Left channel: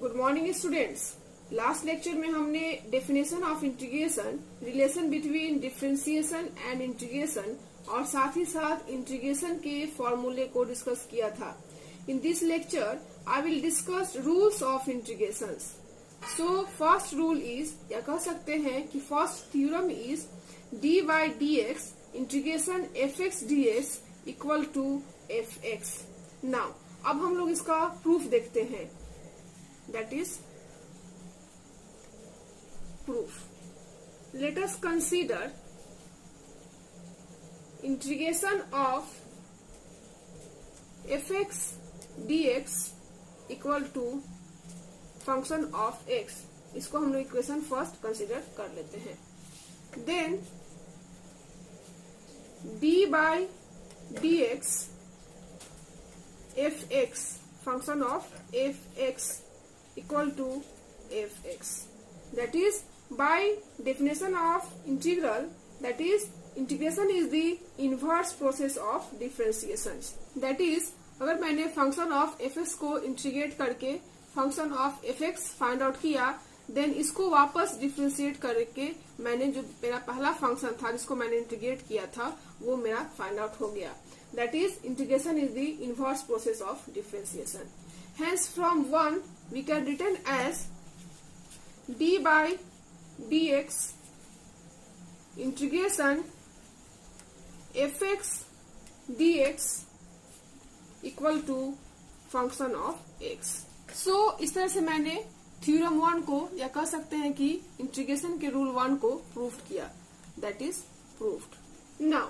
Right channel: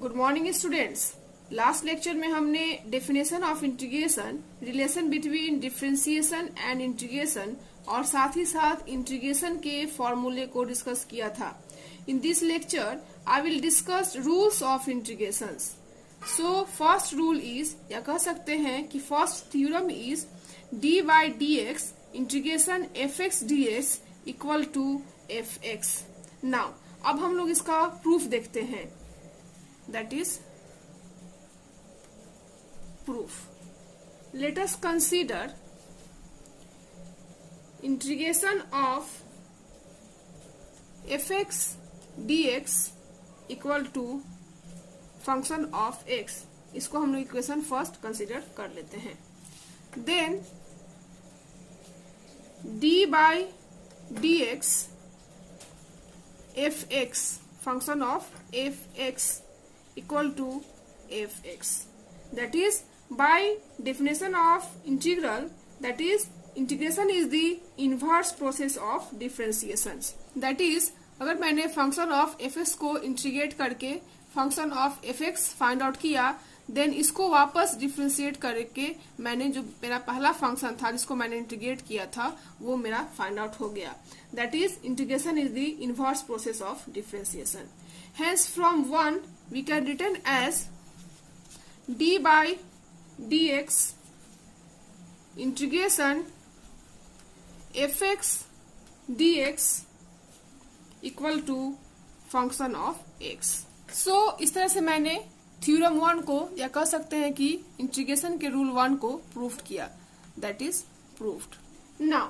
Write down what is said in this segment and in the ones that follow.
Good morning students. Last lecture में हमने definition of integration, relation between differentiation and integration और साथ ही साथ इंटीग्रेशन के फॉर्मूले को डिस्कस किया था। In this lecture I will discuss rules of integrations. So first rule is, या कह सकते हैं कि first theorem is d by d x integration f x d x equal to f x. Now अब हम लोग इसका प्रूफ देखते हैं। That is proof. Let us consider integration of fx dx equal to function of x. इसको हम लोग equation first consider कर लेते हैं। Then d by dx fx function of fx equal to fx. That is, by definition of integral, that is, integration is the inverse process of differentiation. That is, अगर मैंने function of fx को integrate करके function of fx find out किया, then इसको वापस differentiate करके मैंने जो मेरा पहला फंक्शन था जिसको मैंने इंटीग्रेट किया था वो मेरा फाइंड आउट हो गया। That is integration is the inverse process of differentiation. Hence from 1 we can written as d by dx integration fx dx equal to function of x. So इस तरह से मैंने थ्योरम 1 को, या कह सकते हैं कि इंटीग्रेशन के रूल 1 को प्रूफ किया। That is proofed. Now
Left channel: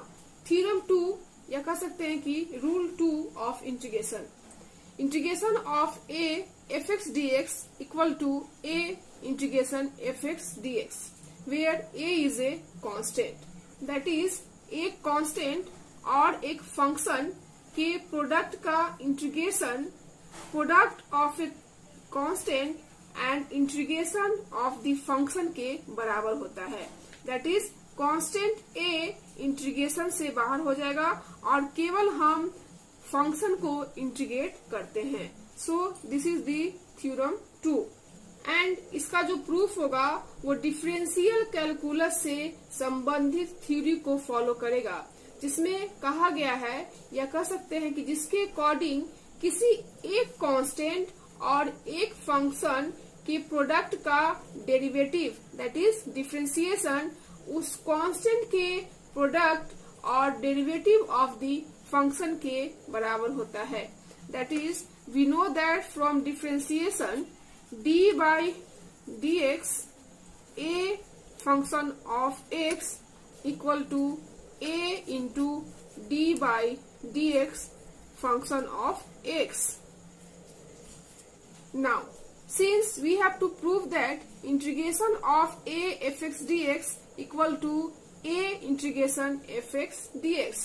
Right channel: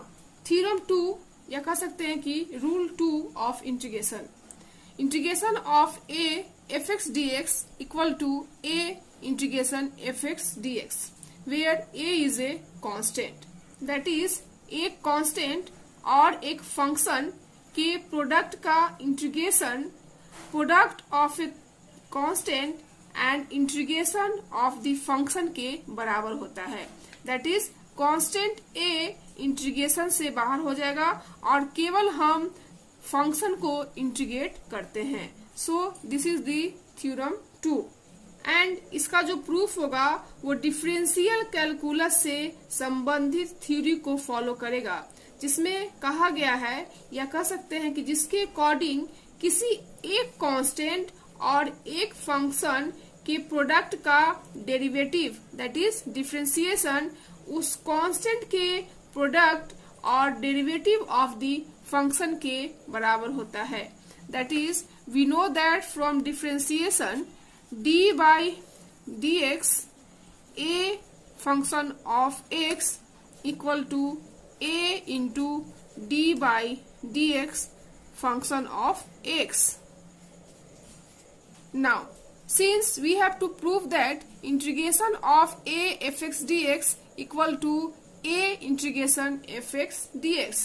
theorem 2, या कह सकते हैं कि rule 2 of integration. Integration of a fx dx equal to a integration fx dx, where a is a constant. That is, एक constant और एक function के प्रोडक्ट का integration product of A constant and integration of the function के बराबर होता है। That is, constant a integration से बाहर हो जाएगा और केवल हम फंक्शन को इंटीग्रेट करते हैं। So this is the theorem 2 and इसका जो प्रूफ होगा वो डिफरेंशियल कैलकुलस से संबंधित थ्योरी को फॉलो करेगा, जिसमें कहा गया है, या कह सकते हैं कि जिसके अकॉर्डिंग किसी एक कांस्टेंट और एक फंक्शन के प्रोडक्ट का डेरिवेटिव, दैट इज डिफरेंशिएशन, उस कांस्टेंट के प्रोडक्ट और डेरिवेटिव ऑफ द फंक्शन के बराबर होता है। That is, we know that from differentiation d by dx a function of x equal to a into d by dx function of x. Now, since we have to prove that integration of a fx dx equal to a integration fx dx.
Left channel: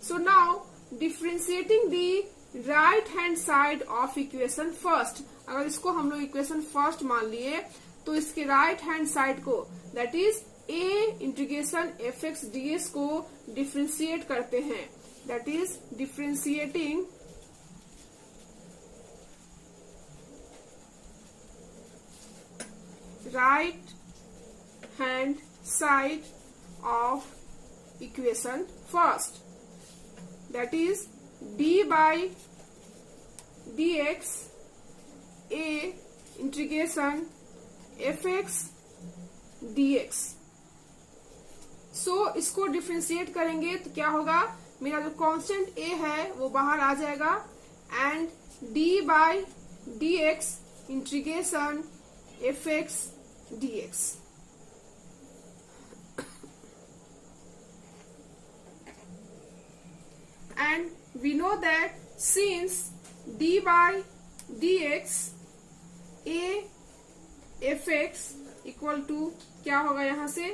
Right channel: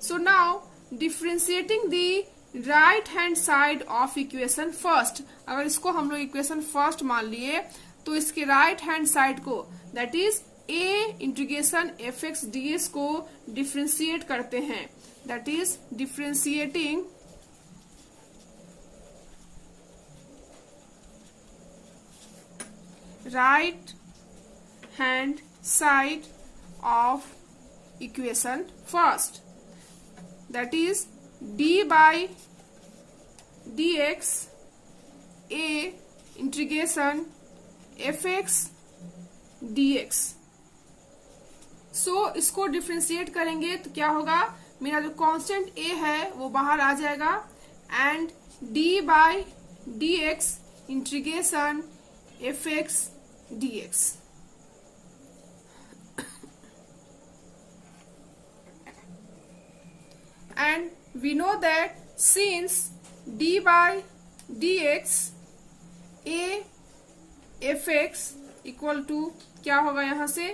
So now differentiating the right hand side of equation first. अगर इसको हम लोग equation first मान लिए तो इसके right hand side को, that is a integration f x D S को डिफ्रेंशिएट करते हैं। That is differentiating right hand side of equation first. That is, d by dx a integration fx dx. So इसको differentiate करेंगे तो क्या होगा, मेरा जो कांस्टेंट a है वो बाहर आ जाएगा and d by dx integration fx dx. And we know that since d by dx a fx equal to क्या होगा यहाँ से,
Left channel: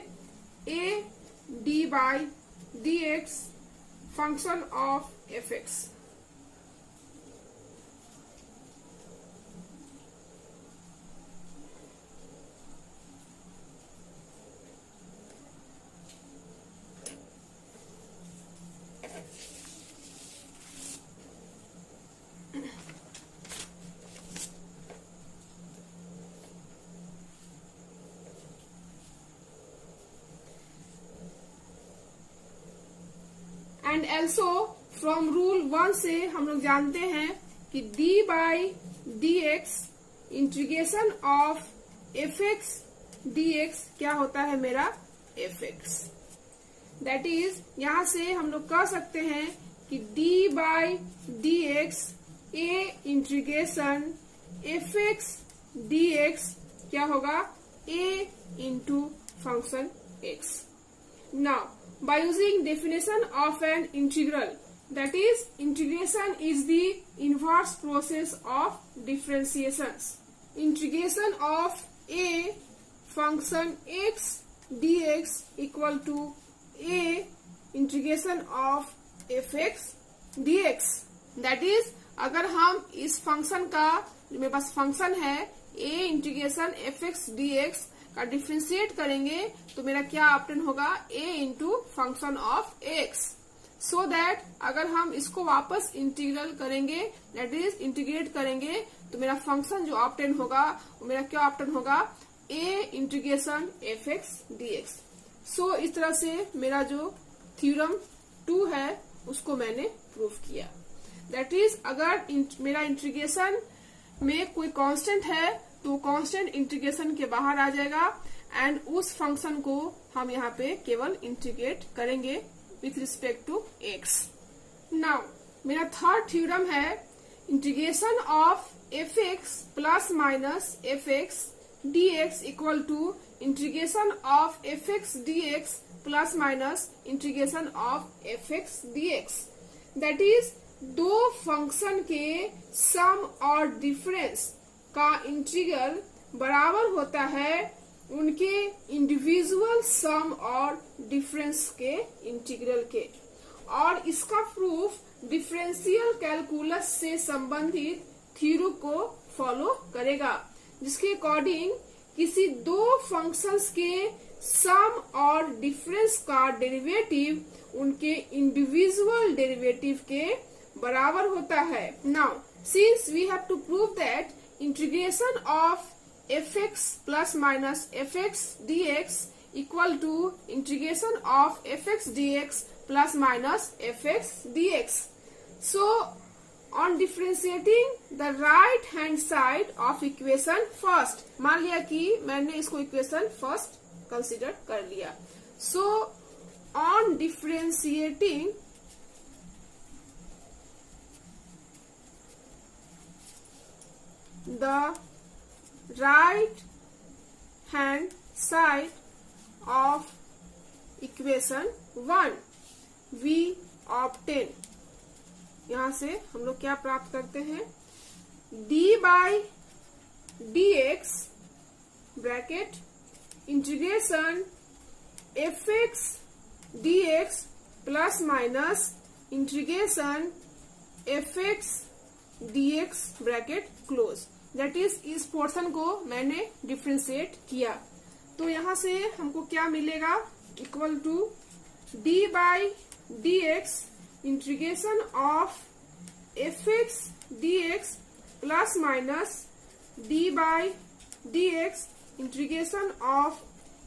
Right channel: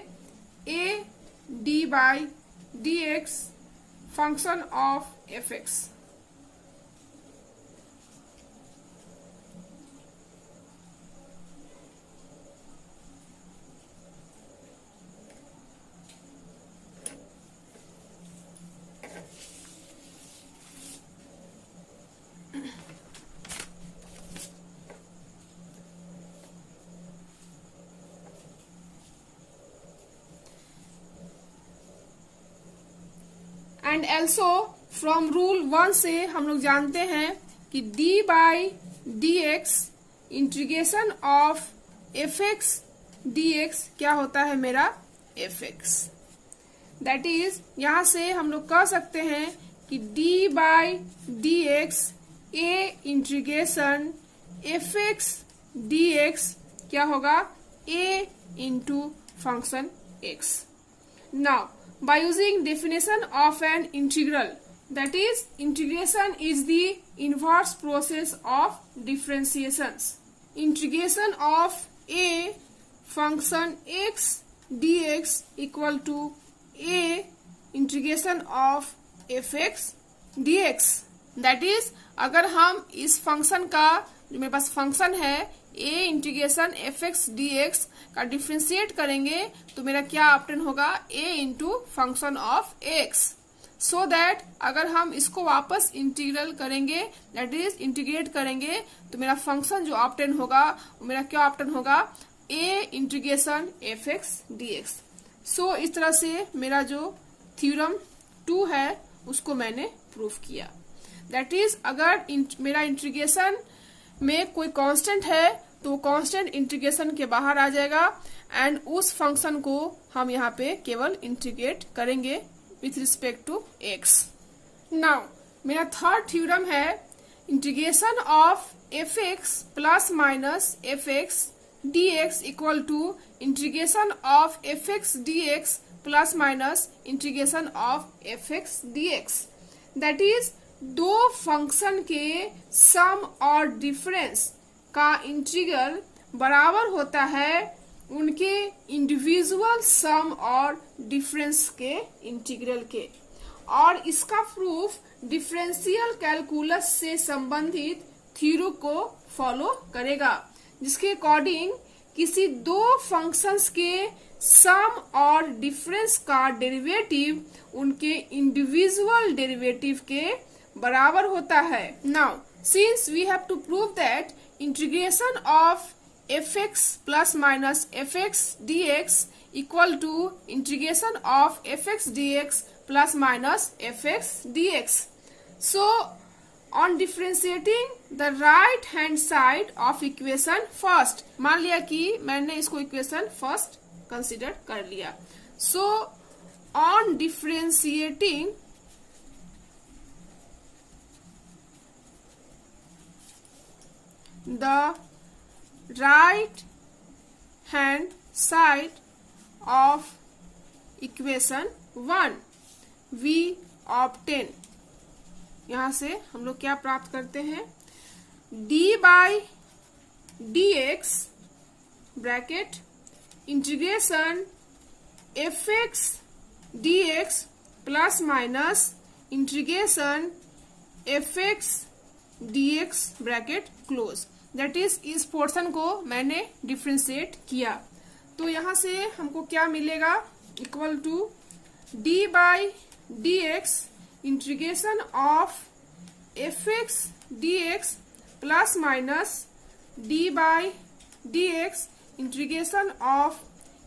a d by dx function of fx. Also from rule 1 से हम लोग जानते हैं कि d by d x integration of f x d x क्या होता है मेरा एफ एक्स। दैट इज यहां से हम लोग कह सकते हैं कि d by d x a integration f x d x क्या होगा a into function x. Now, by using definition of an integral, that is, integration is the inverse process of differentiations. Integration of a function x dx equal to a integration of fx dx. That is, अगर हम इस function का जो मेरे पास function है a integration f x d x का differentiate करेंगे तो मेरा क्या ऑप्शन होगा a into function of x। So that अगर हम इसको वापस इंटीग्रल करेंगे दैट इज इंटीग्रेट करेंगे तो मेरा फंक्शन जो ऑप्शन होगा वो मेरा क्या ऑप्शन होगा a integration f x d x. So इस तरह से मेरा जो थ्योरम 2 है उसको मैंने प्रूफ किया। दैट इज अगर मेरा इंटीग्रेशन में कोई कांस्टेंट है तो कांस्टेंट इंटीग्रेशन के बाहर आ जाएगा एंड उस फंक्शन को हम यहाँ पे केवल इंटीग्रेट करेंगे with respect to x। Now मेरा थर्ड थ्योरम है integration of f x plus minus f x d x equal to integration of f x d x plus minus integration of f x d x. That is दो function के sum और difference का integral बराबर होता है उनके individual सम और difference के इंटीग्रल के, और इसका प्रूफ डिफरेंशियल कैलकुलस से संबंधित थ्योरम को फॉलो करेगा, जिसके अकॉर्डिंग किसी दो फंक्शंस के सम और डिफरेंस का डेरिवेटिव उनके इंडिविजुअल डेरिवेटिव के बराबर होता है। Now since we have to prove that integration of f x plus minus f x d x equal to integration of f x d x plus minus f x d x. So on differentiating the right hand side of equation first, मान लिया कि मैंने इसको equation first consider कर लिया। सो on differentiating the right hand side of equation 1 we obtain, यहां से हम लोग क्या प्राप्त करते हैं d by d x bracket integration f x d x plus minus integration f x d x bracket close. That is इस portion को मैंने डिफ्रेंशिएट किया तो यहां से हमको क्या मिलेगा equal to d by d x integration of f x d x plus minus d by d x integration of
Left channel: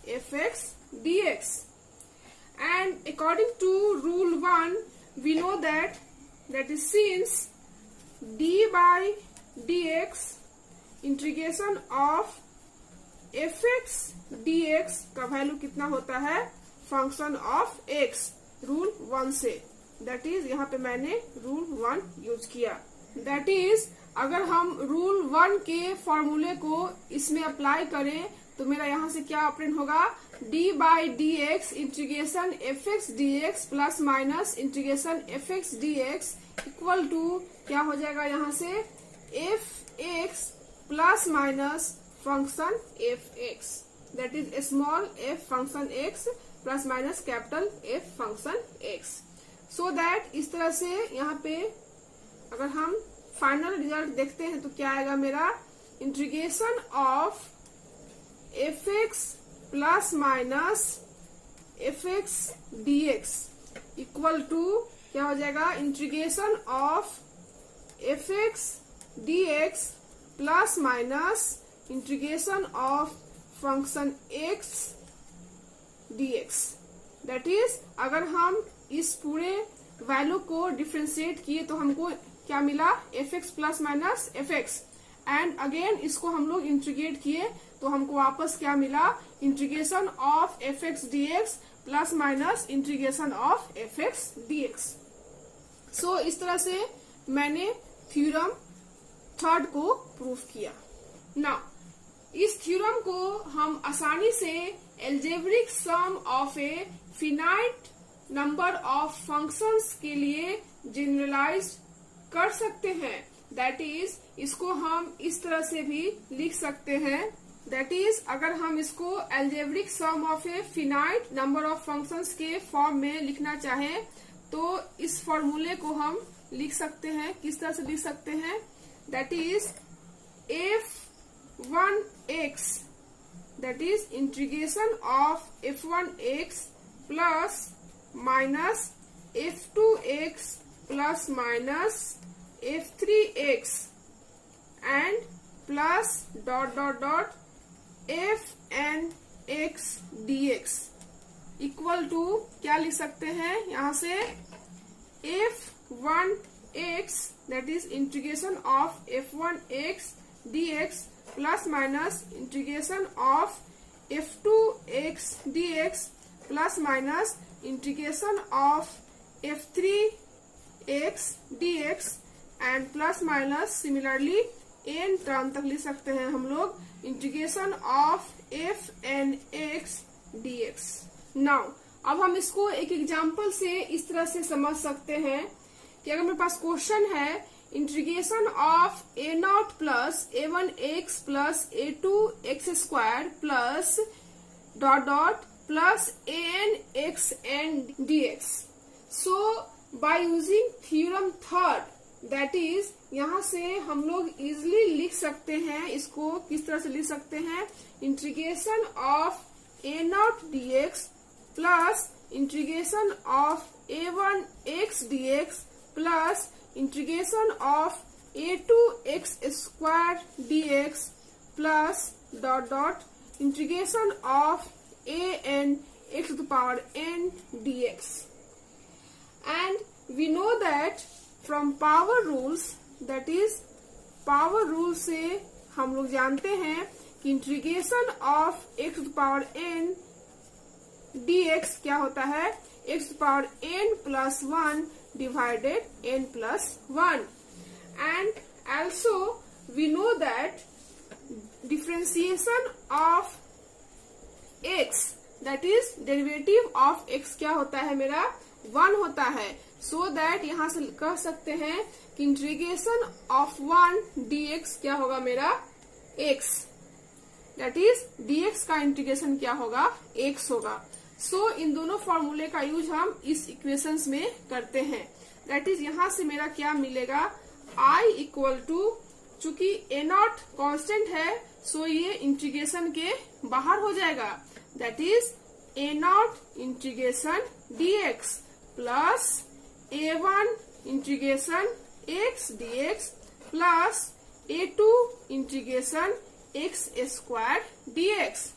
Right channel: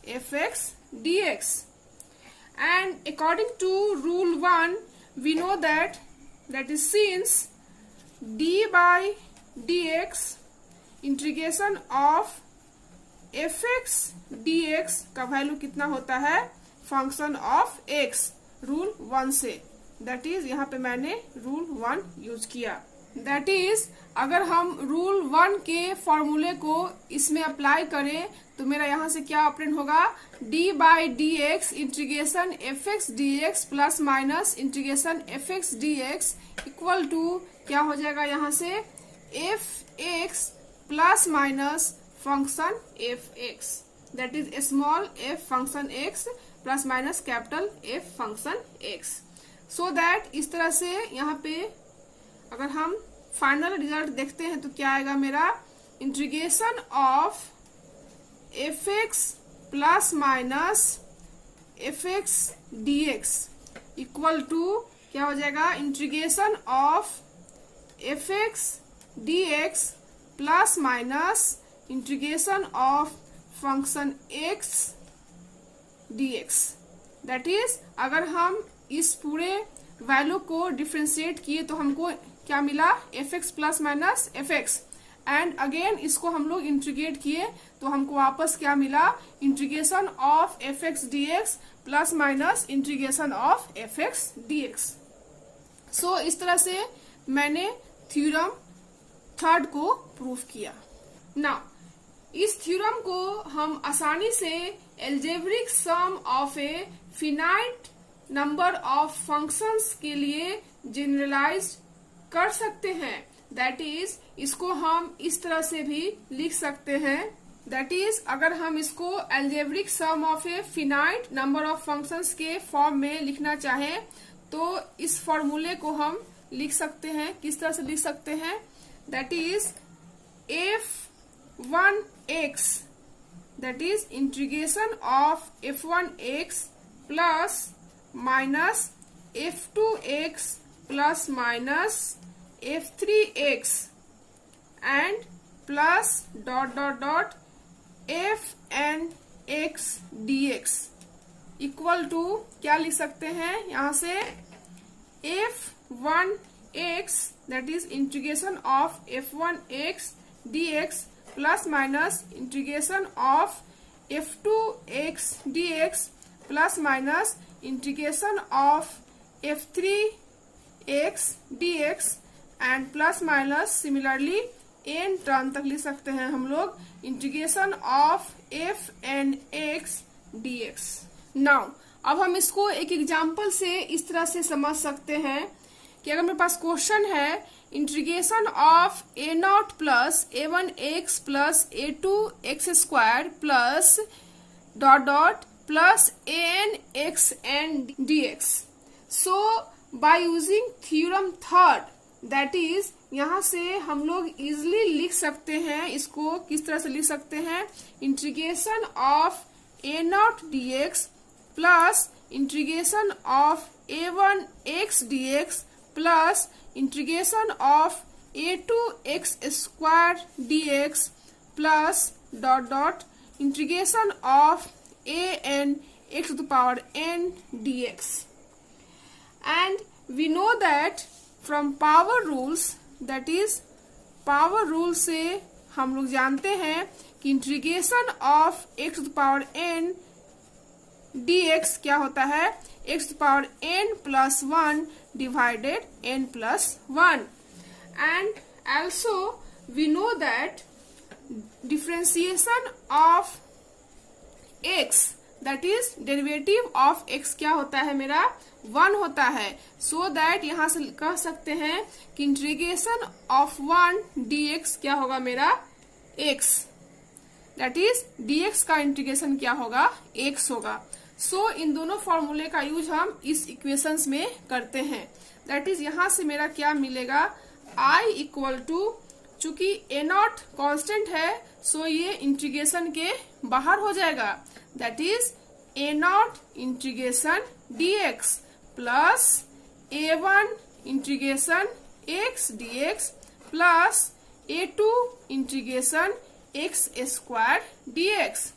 f x d x. And according to rule 1 we know that is since d by d x integration of f x d x का value कितना होता है function of x rule 1 से। That is यहाँ पे मैंने rule 1 use किया। That is अगर हम रूल 1 के फॉर्मूले को इसमें अप्लाई करें तो मेरा यहाँ से क्या ऑप्शन होगा d by d x integration f x d x plus minus integration f x d x equal to क्या हो जाएगा यहाँ से f x plus minus function f x, that is small f function x plus minus capital F function x. So that इस तरह से यहाँ पे अगर हम फाइनल रिजल्ट देखते हैं तो क्या आएगा मेरा integration of f x plus minus f x d x equal to क्या हो जाएगा integration of f x d x plus minus integration of function x d x. That is अगर हम इस पूरे वैल्यू को डिफ्रेंशिएट किए तो हमको क्या मिला, fx plus minus fx, and again इसको हम लोग इंटीग्रेट किए तो हमको वापस क्या मिला, integration of fx dx plus minus integration of fx dx। सो इस तरह से मैंने थ्योरम थर्ड को प्रूव किया। नाउ इस थ्योरम को हम आसानी से algebraic sum of A finite number of functions के लिए जनरलाइज कर सकते हैं। दैट इज इसको हम इस तरह से भी लिख सकते हैं, दैट इज अगर हम इसको algebraic sum of A finite number of functions के फॉर्म में लिखना चाहें तो इस फॉर्मूले को हम लिख सकते हैं। किस तरह से लिख सकते हैं, that is f1x, that is integration of f1x plus minus f2x plus minus f3x and plus dot dot dot fnx dx equal to क्या लिख सकते हैं यहाँ से, f1x that is integration of f1x dx plus minus integration of f2x dx plus minus integration of f3x dx and plus minus similarly n term तक लिख सकते हैं हम लोग integration of fnx dx। Now अब हम इसको एक एग्जांपल से इस तरह से समझ सकते हैं कि अगर मेरे पास क्वेश्चन है integration of a0 plus a1x plus a2x square plus dot dot plus anx and dx। So bye using theorem third, that is यहाँ से हम लोग इजिली लिख सकते हैं, इसको किस तरह से लिख सकते हैं, integration of a0 dx plus integration of a1x dx plus integration of a2x square dx plus dot dot integration of an x to the power n dx। And we know that from power rules, that is power rule से हम लोग जानते हैं कि integration of x to the power n dx क्या होता है, x to the power n plus 1 divided n plus 1। And also we know that differentiation of x, that is derivative of x क्या होता है मेरा, 1 होता है। सो दैट यहाँ से कह सकते हैं कि इंटीग्रेशन ऑफ 1 dx क्या होगा मेरा, x, दैट इज dx का इंटीग्रेशन क्या होगा, x होगा। सो इन दोनों फॉर्मूले का यूज हम इस इक्वेशंस में करते हैं। दैट इज यहाँ से मेरा क्या मिलेगा, I इक्वल टू, चूंकि a0 कांस्टेंट है सो ये इंटीग्रेशन के बाहर हो जाएगा, that is a0 integration dx plus a1 integration x dx plus a2 integration x square dx।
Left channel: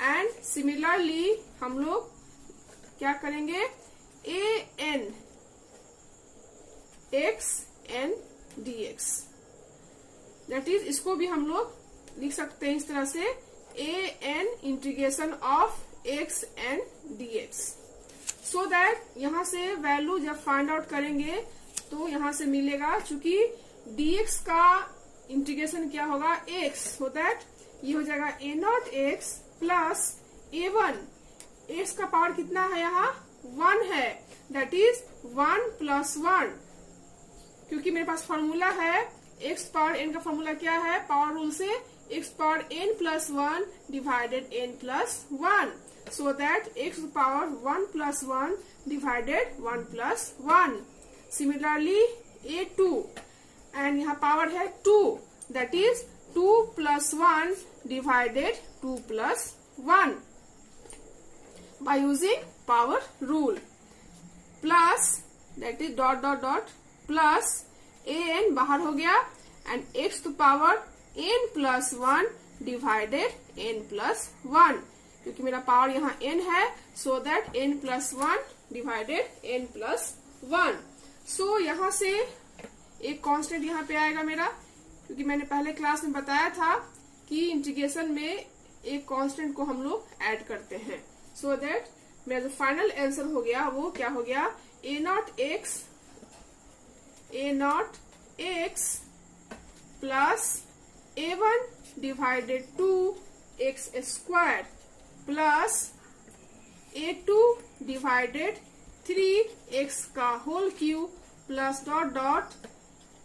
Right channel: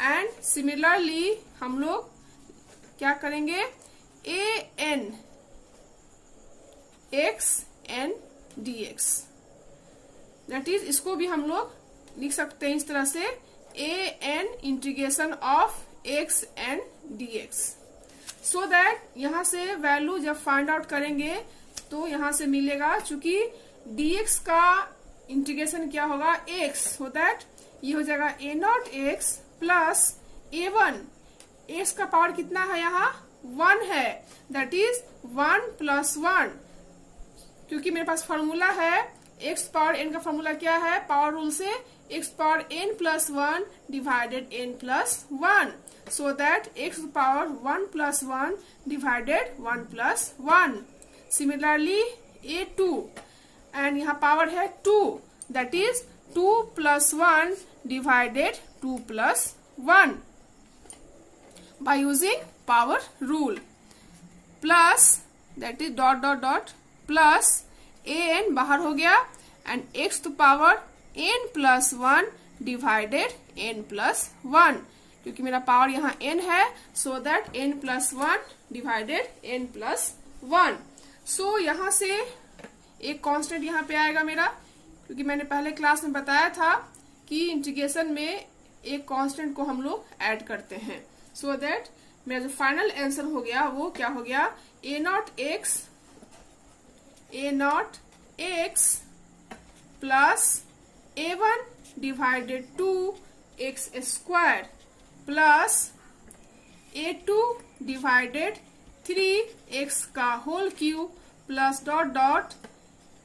And similarly हम लोग क्या करेंगे, an x n dx, that is इसको भी हम लोग लिख सकते हैं इस तरह से, an integration of x n dx। So that यहाँ से वैल्यू जब फाइंड आउट करेंगे तो यहाँ से मिलेगा, चूंकि dx का इंटीग्रेशन क्या होगा, x, हो दैट ये हो जाएगा a0 x plus a1 x का पावर कितना है यहाँ, 1 है, दैट इज 1 प्लस 1, क्योंकि मेरे पास फॉर्मूला है x पावर n का फॉर्मूला क्या है, पावर रूल से x power n plus 1 divided n plus 1, so that x power 1 plus 1 divided 1 plus 1। Similarly a2 and यहाँ पावर है 2, that is 2 plus 1 divided 2 plus 1 by using power rule, plus that is dot dot dot plus an बाहर हो गया and x to power n plus 1 divided n plus 1, क्योंकि मेरा power यहाँ n है, so that n plus 1 divided n plus 1। सो यहाँ से एक कांस्टेंट यहाँ पे आएगा मेरा, क्योंकि मैंने पहले क्लास में बताया था कि इंटीग्रेशन में एक कांस्टेंट को हम लोग ऐड करते हैं। सो दैट मेरा जो फाइनल आंसर हो गया वो क्या हो गया, a naught x plus a1 divided 2x square plus a2 divided 3x का whole cube plus dot dot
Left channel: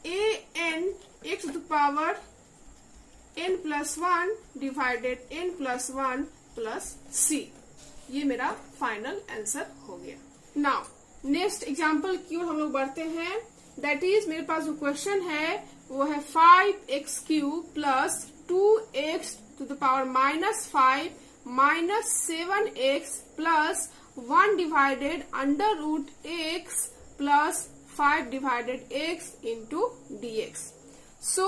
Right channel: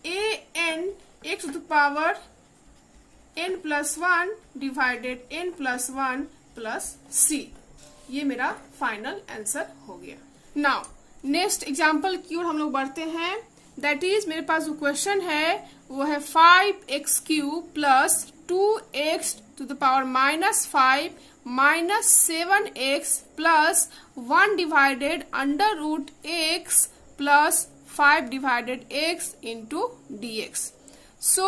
an x to the power n plus 1 divided n plus 1 plus c। ये मेरा final answer हो गया। Now next example की ओर हम लोग बढ़ते हैं। दैट इज मेरे पास जो क्वेश्चन है वो है 5x cube plus 2x to the power minus 5 minus 7x plus 1 divided under root x plus 5 divided x into dx। So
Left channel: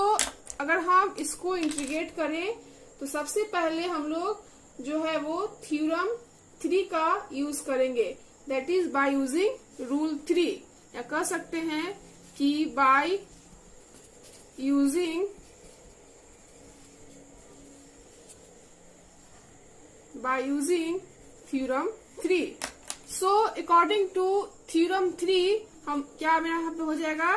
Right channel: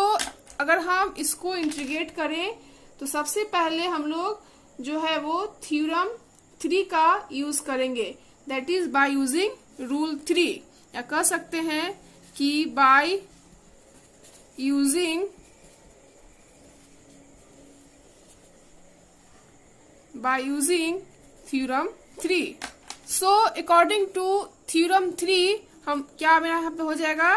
अगर हम इसको इंटीग्रेट करें तो सबसे पहले हम लोग जो है वो थ्योरम 3 का यूज करेंगे, that is by using rule 3, या कह सकते हैं कि by using theorem 3। So according to theorem 3 हम क्या मेरा यहाँ पे हो जाएगा,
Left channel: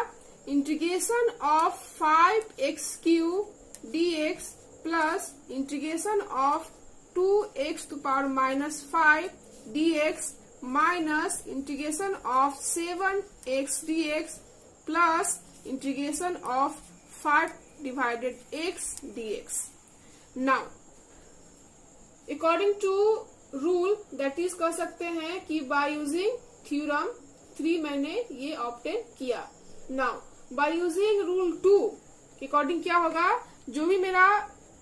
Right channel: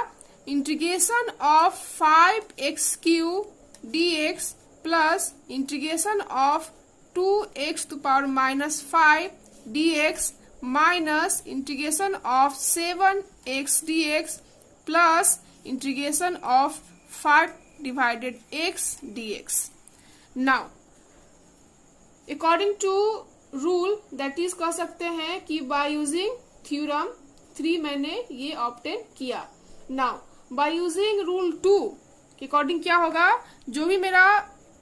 integration of 5x cube dx plus integration of 2x to power minus 5 dx minus integration of 7x dx plus integration of 5 divided x dx। Now according to rule that is कह सकते हैं कि बाय यूजिंग थ्योरम 3 मैंने ये obtain किया। Now bye using rule 2 के according क्या होगा, जो भी मेरा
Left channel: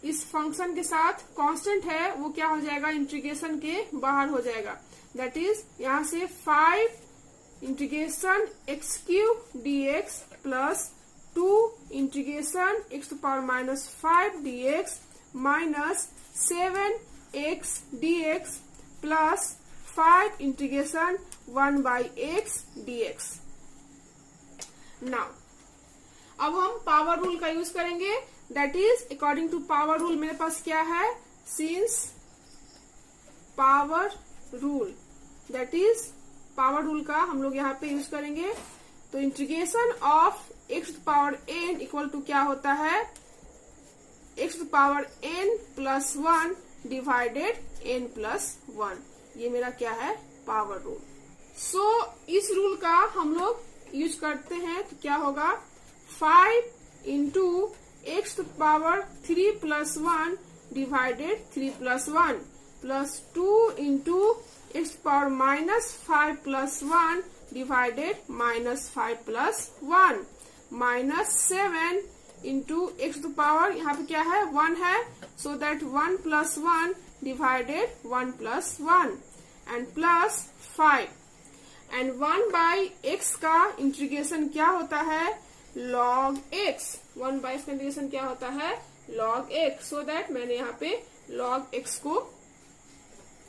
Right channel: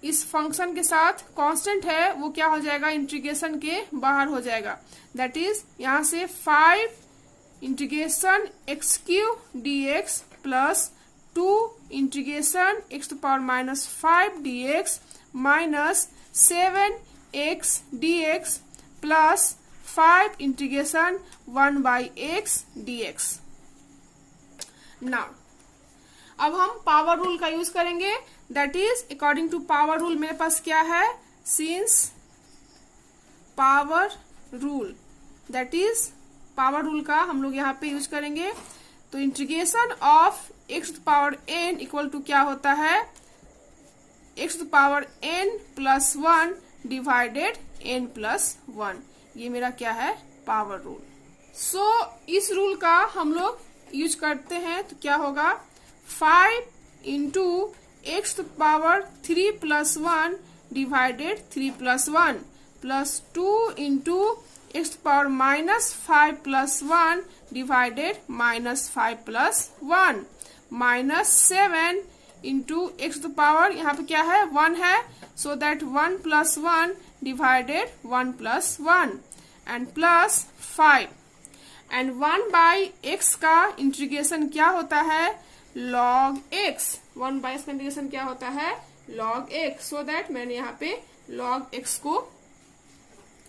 इस फंक्शन के साथ कांस्टेंट है वो क्या हो जाएगा, इंटीग्रेशन के बाहर हो जाएगा। दैट इज यहाँ से 5 integration x cube dx plus 2 integration x to power minus 5 dx minus 7x dx plus 5 integration 1 by x dx। Now अब हम पावर रूल का यूज करेंगे, that is according to power rule मेरे पास क्या है, since power rule, that is power rule का हम लोग यहाँ पे यूज करेंगे। तो integration of x to power n equal to क्या होता है, x to power n plus 1 divided n plus 1। ये मेरा क्या है, पावर रूल। सो इस रूल का हम लोग यूज करते हैं तो क्या होगा, 5 into x to power 3 plus 1 divided 3 plus 1 plus 2 into x to power minus 5 plus 1 divided minus 5 plus 1 minus 7 into x to power यहाँ पे क्या है 1 है, so that 1 plus 1 divided 1 plus 1 and plus 5 and 1 by x का integration क्या होता है, log x। 1 by x का इंटीग्रेशन क्या होता है, log x। सो दैट मैंने यहाँ पे log x को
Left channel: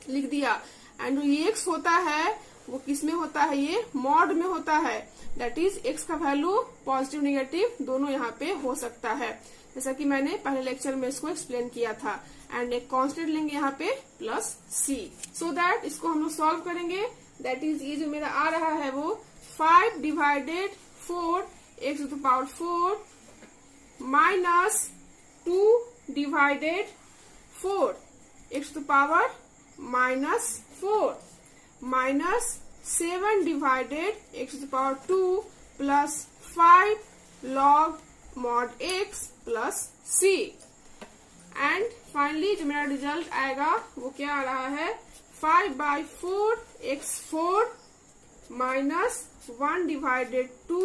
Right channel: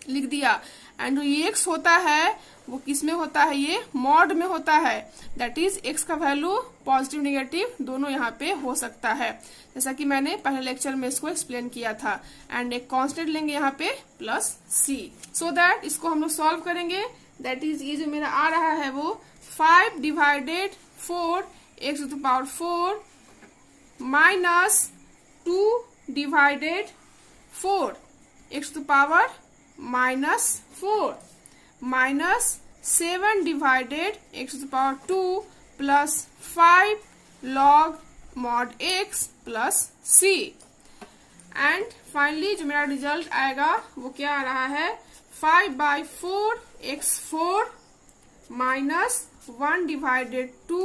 लिख दिया। एंड ये x होता है वो किस में होता है, ये मॉड में होता है, दैट इज x का वैल्यू पॉजिटिव नेगेटिव दोनों यहाँ पे हो सकता है, जैसा कि मैंने पहले लेक्चर में इसको एक्सप्लेन किया था। एंड एक कांस्टेंट लेंगे यहाँ पे प्लस c, सो दैट इसको हम लोग सॉल्व करेंगे। दैट इज ये जो मेरा आ रहा है वो 5 divided 4 x to the power 4 minus 2 divided 4 x to the power minus 4 minus 7 divided x to the power 2 plus 5 log mod x plus c। And finally जो मेरा रिजल्ट आएगा वो क्या आ रहा है, 5 by 4 x4 minus 1 divided 2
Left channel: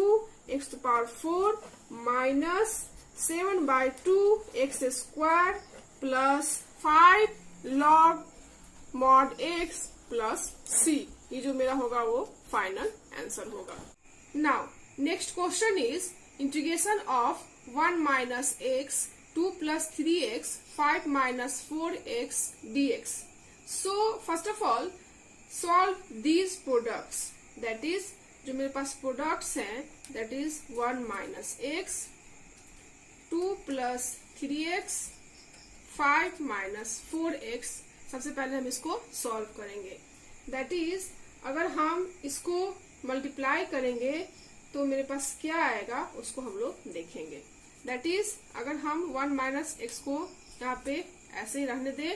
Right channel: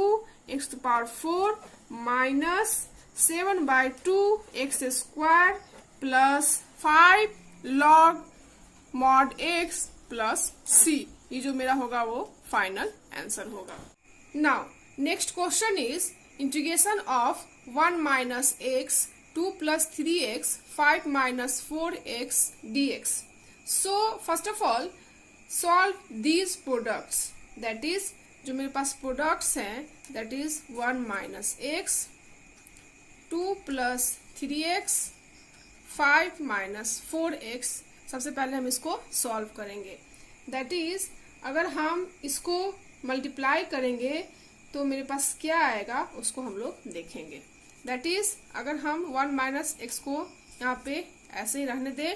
x to power 4 minus 7 by 2 x square plus 5 log mod x plus c। ये जो मेरा होगा वो फाइनल आंसर होगा। Now next question is integration of 1 minus x 2 plus 3x 5 minus 4x dx। So first of all solve these products, that is जो मेरे पास products हैं that is 1 minus x, 2 plus 3x, 5 minus 4x। सबसे पहले हम इसको solve करेंगे। That is अगर हम इसको मल्टीप्लाई करेंगे तो मेरे पास क्या आएगा उसको हम लोग देखेंगे। दैट इज अगर हम 1 माइनस एक्स को यहाँ पे ऐसे ही रहने दें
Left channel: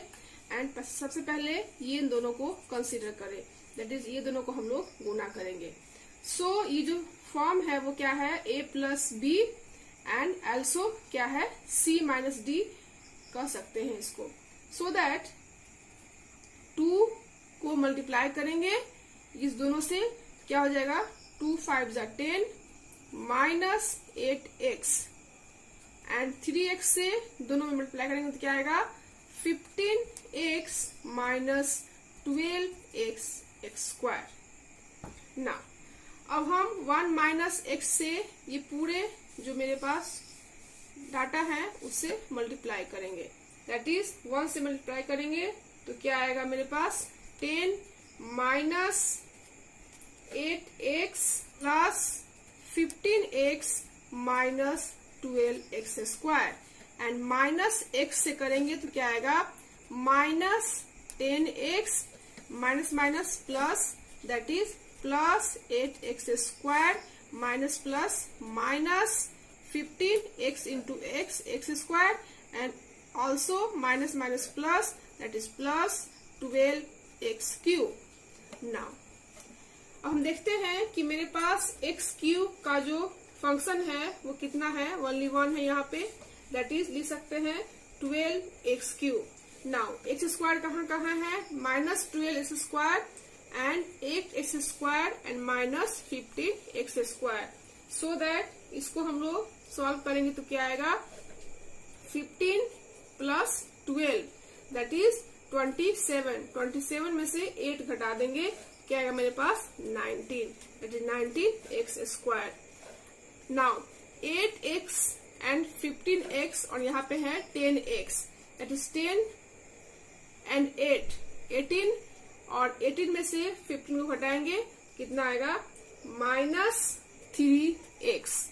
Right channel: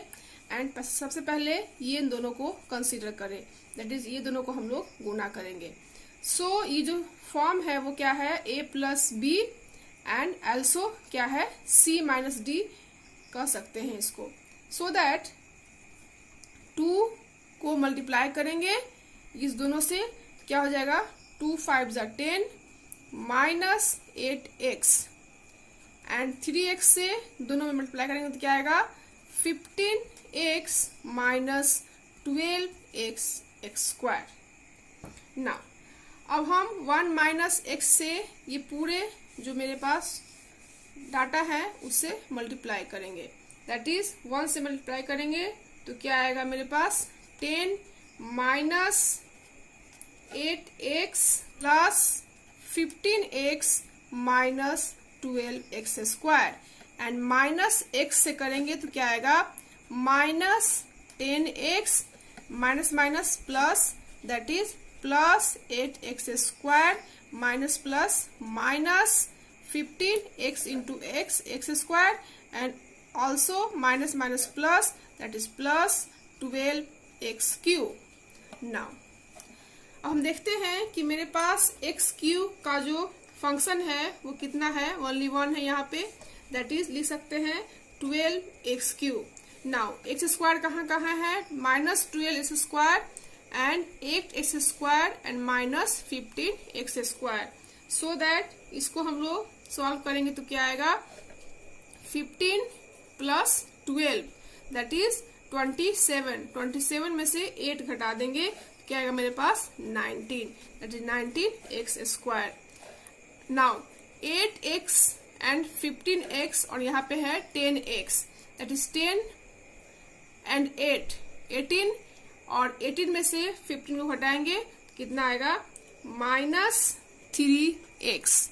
एंड सबसे पहले ये इन दोनों को कंसीडर करें, दैट इज ये दोनों को हम लोग गुना करेंगे। सो ये जो फॉर्म है वो क्या है, a plus b and also क्या है c माइनस डी कह सकते हैं इसको। सो दैट 2 को मल्टीप्लाई करेंगे इस दोनों से, क्या हो जाएगा 2 5 जा 10 माइनस 8x एंड 3x से दोनों में मल्टीप्लाई करेंगे तो क्या आएगा 15x minus 12x x square. Now अब हम 1 माइनस एक्स से ये पूरे जो मेरे पास डाटा है उससे मल्टीप्लाई करेंगे। दैट इज 1 से मल्टीप्लाई करेंगे तो क्या आएगा मेरे पास 10 minus 8x plus 15x minus 12x square and minus x से करेंगे तो क्या आएगा minus 10x minus minus plus that is plus 8x square minus plus minus 15x into x square and also minus minus plus that is plus 12x cube. Now अब हम देखते हैं कि मेरे पास x क्यूब का जो फंक्शन है वो कितना है, ओनली 1 है यहाँ पे, दैट इज लिख सकते हैं 12x cube. Now x square कहाँ कहाँ है, minus 12x square and 8x square and minus 15x square. So that इसको हम लोग सॉल्व करेंगे तो क्या आएगा 15 प्लस 12 दैट इज 27 में से 8 घटा देंगे क्या आएगा मेरे पास 19 that is 19x square. Now 8x and 15x और यहाँ पे है 10x दैट इज 10 एंड 8 18 और 18 में से 15 को घटाएंगे कितना आएगा माइनस 3x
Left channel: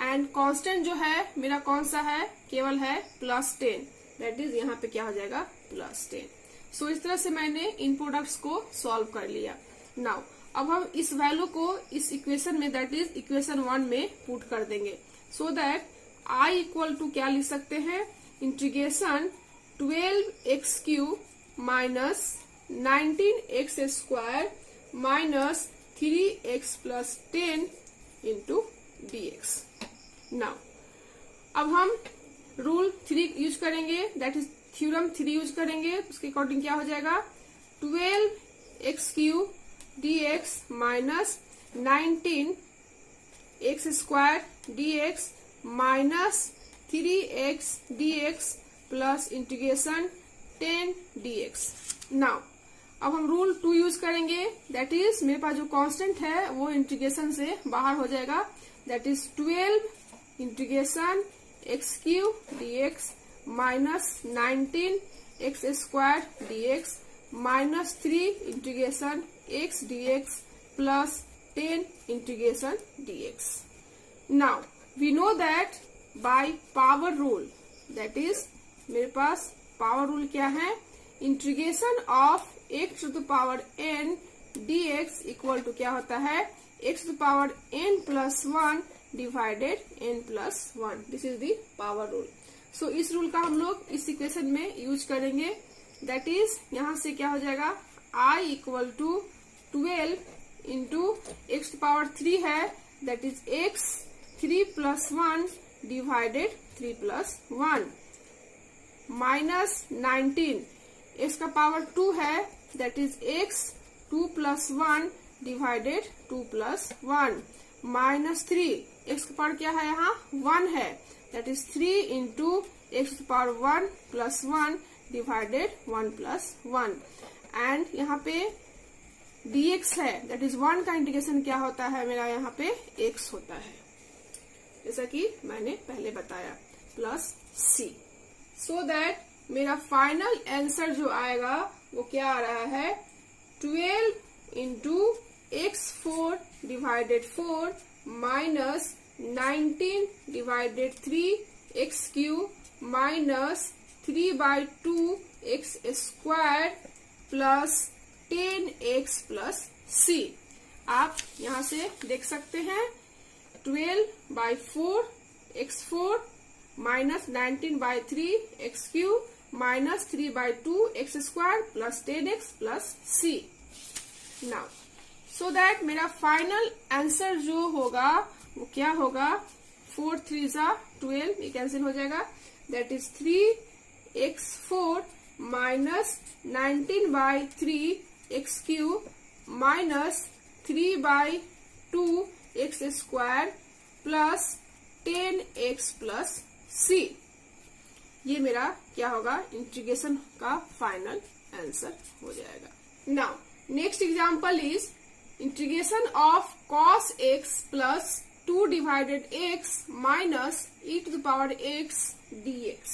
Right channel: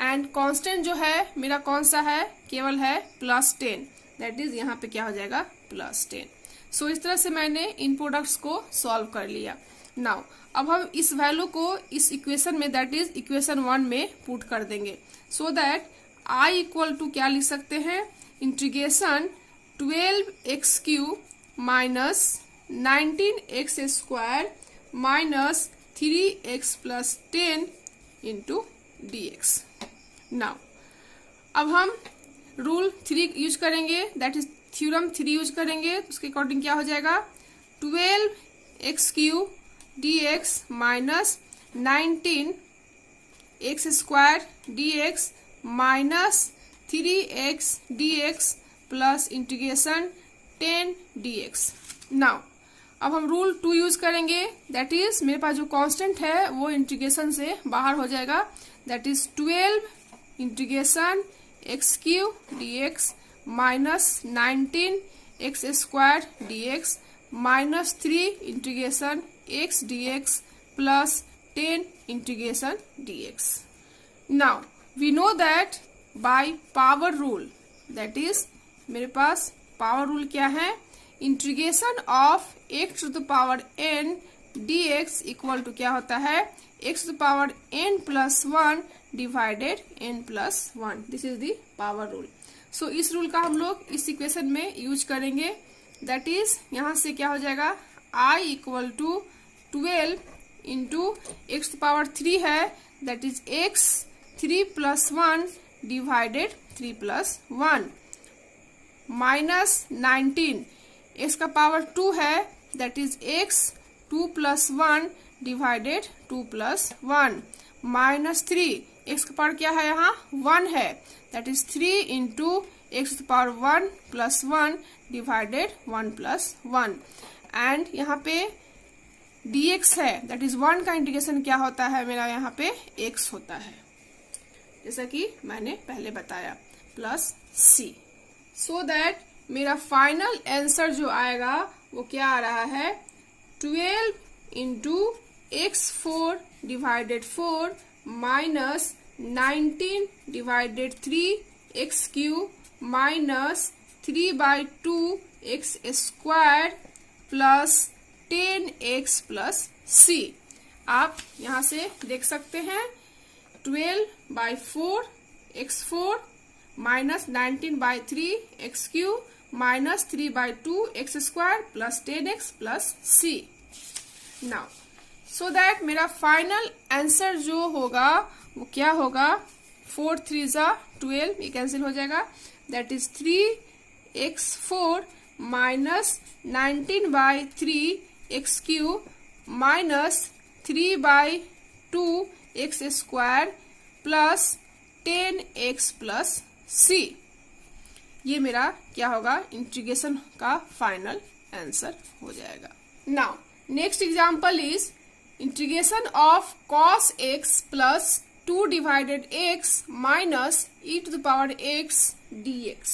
एंड कांस्टेंट जो है मेरा कौन सा है, केवल है प्लस 10 दैट इज यहाँ पे क्या हो जाएगा प्लस 10। सो इस तरह से मैंने इन प्रोडक्ट्स को सॉल्व कर लिया। नाउ अब हम इस वैल्यू को इस इक्वेशन में दैट इज इक्वेशन 1 में पुट कर देंगे। So that I equal to क्या लिख सकते हैं integration 12x cube minus 19x square minus 3x plus 10 into dx। Now अब हम रूल 3 यूज करेंगे दैट इज थ्योरम 3 यूज करेंगे, उसके अकॉर्डिंग क्या हो जाएगा 12x cube dx minus 19x square dx minus 3x dx plus integration 10 dx। Now अब हम रूल 2 यूज करेंगे दैट इज मेरे पास जो कांस्टेंट है वो इंटीग्रेशन से बाहर हो जाएगा that is 12 integration x cube dx minus 19x square dx minus 3 integration x dx plus 10 integration dx। Now we know that by power rule that is मेरे पास पावर रूल क्या है integration of x to the power n dx equal to क्या होता है x to the power n plus 1 divided n plus 1 this is the power rule. So इस rule का हम लोग इस इक्वेशन में यूज करेंगे दैट इज यहाँ से क्या हो जाएगा I equal to 12 into x to power 3 है that is x 3 plus 1 divided 3 plus 1 minus 19 x का पावर 2 है that is x 2 plus 1 divided 2 plus 1 minus 3 x का पावर क्या है यहाँ 1 है that is 3 into x power 1 plus 1 divided 1 plus 1 and यहाँ पे dx है दैट इज 1 का इंटीग्रेशन क्या होता है मेरा यहाँ पे x होता है जैसा कि मैंने पहले बताया प्लस c। सो दैट मेरा फाइनल आंसर जो आएगा वो क्या आ रहा है 12 into x4 divided 4 minus 19 divided 3 x cube minus 3/2 x square plus 10x plus c। आप यहां से देख सकते हैं 12/4 x4 minus 19/3 x cube minus 3/2 x square plus 10x plus c। Now so that मेरा फाइनल आंसर जो होगा वो क्या होगा, 4 3 जा 12, ये कैंसिल हो जाएगा। That is 3x4 minus 19/3 x cube minus 3/2 x square plus 10x plus c। ये मेरा क्या होगा, इंटीग्रेशन का फाइनल आंसर हो जाएगा। Now next example is integration of cos x plus 2 divided x minus e to the power x dx।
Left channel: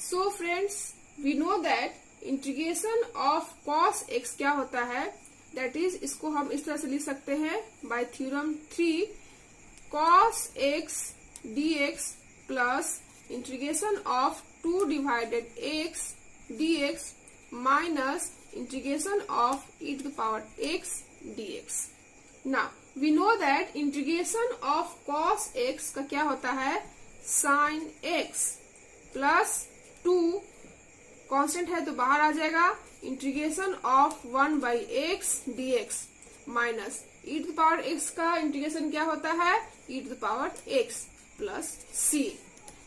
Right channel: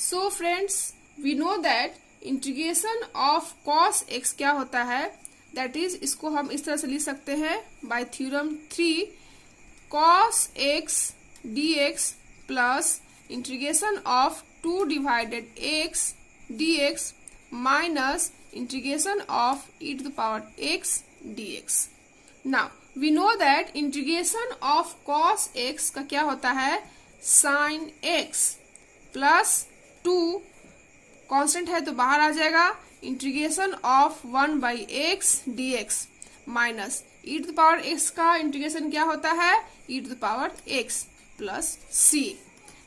So friends we know that integration of cos x क्या होता है, दैट इज इसको हम इस तरह से लिख सकते हैं by theorem 3 cos x dx plus integration of 2 divided x dx minus integration of e to the power x dx। Now we know that integration of cos x का क्या होता है, sin x प्लस 2 कांस्टेंट है तो बाहर आ जाएगा, integration of 1/x dx minus e to the power x का इंटीग्रेशन क्या होता है, e to the power x plus c।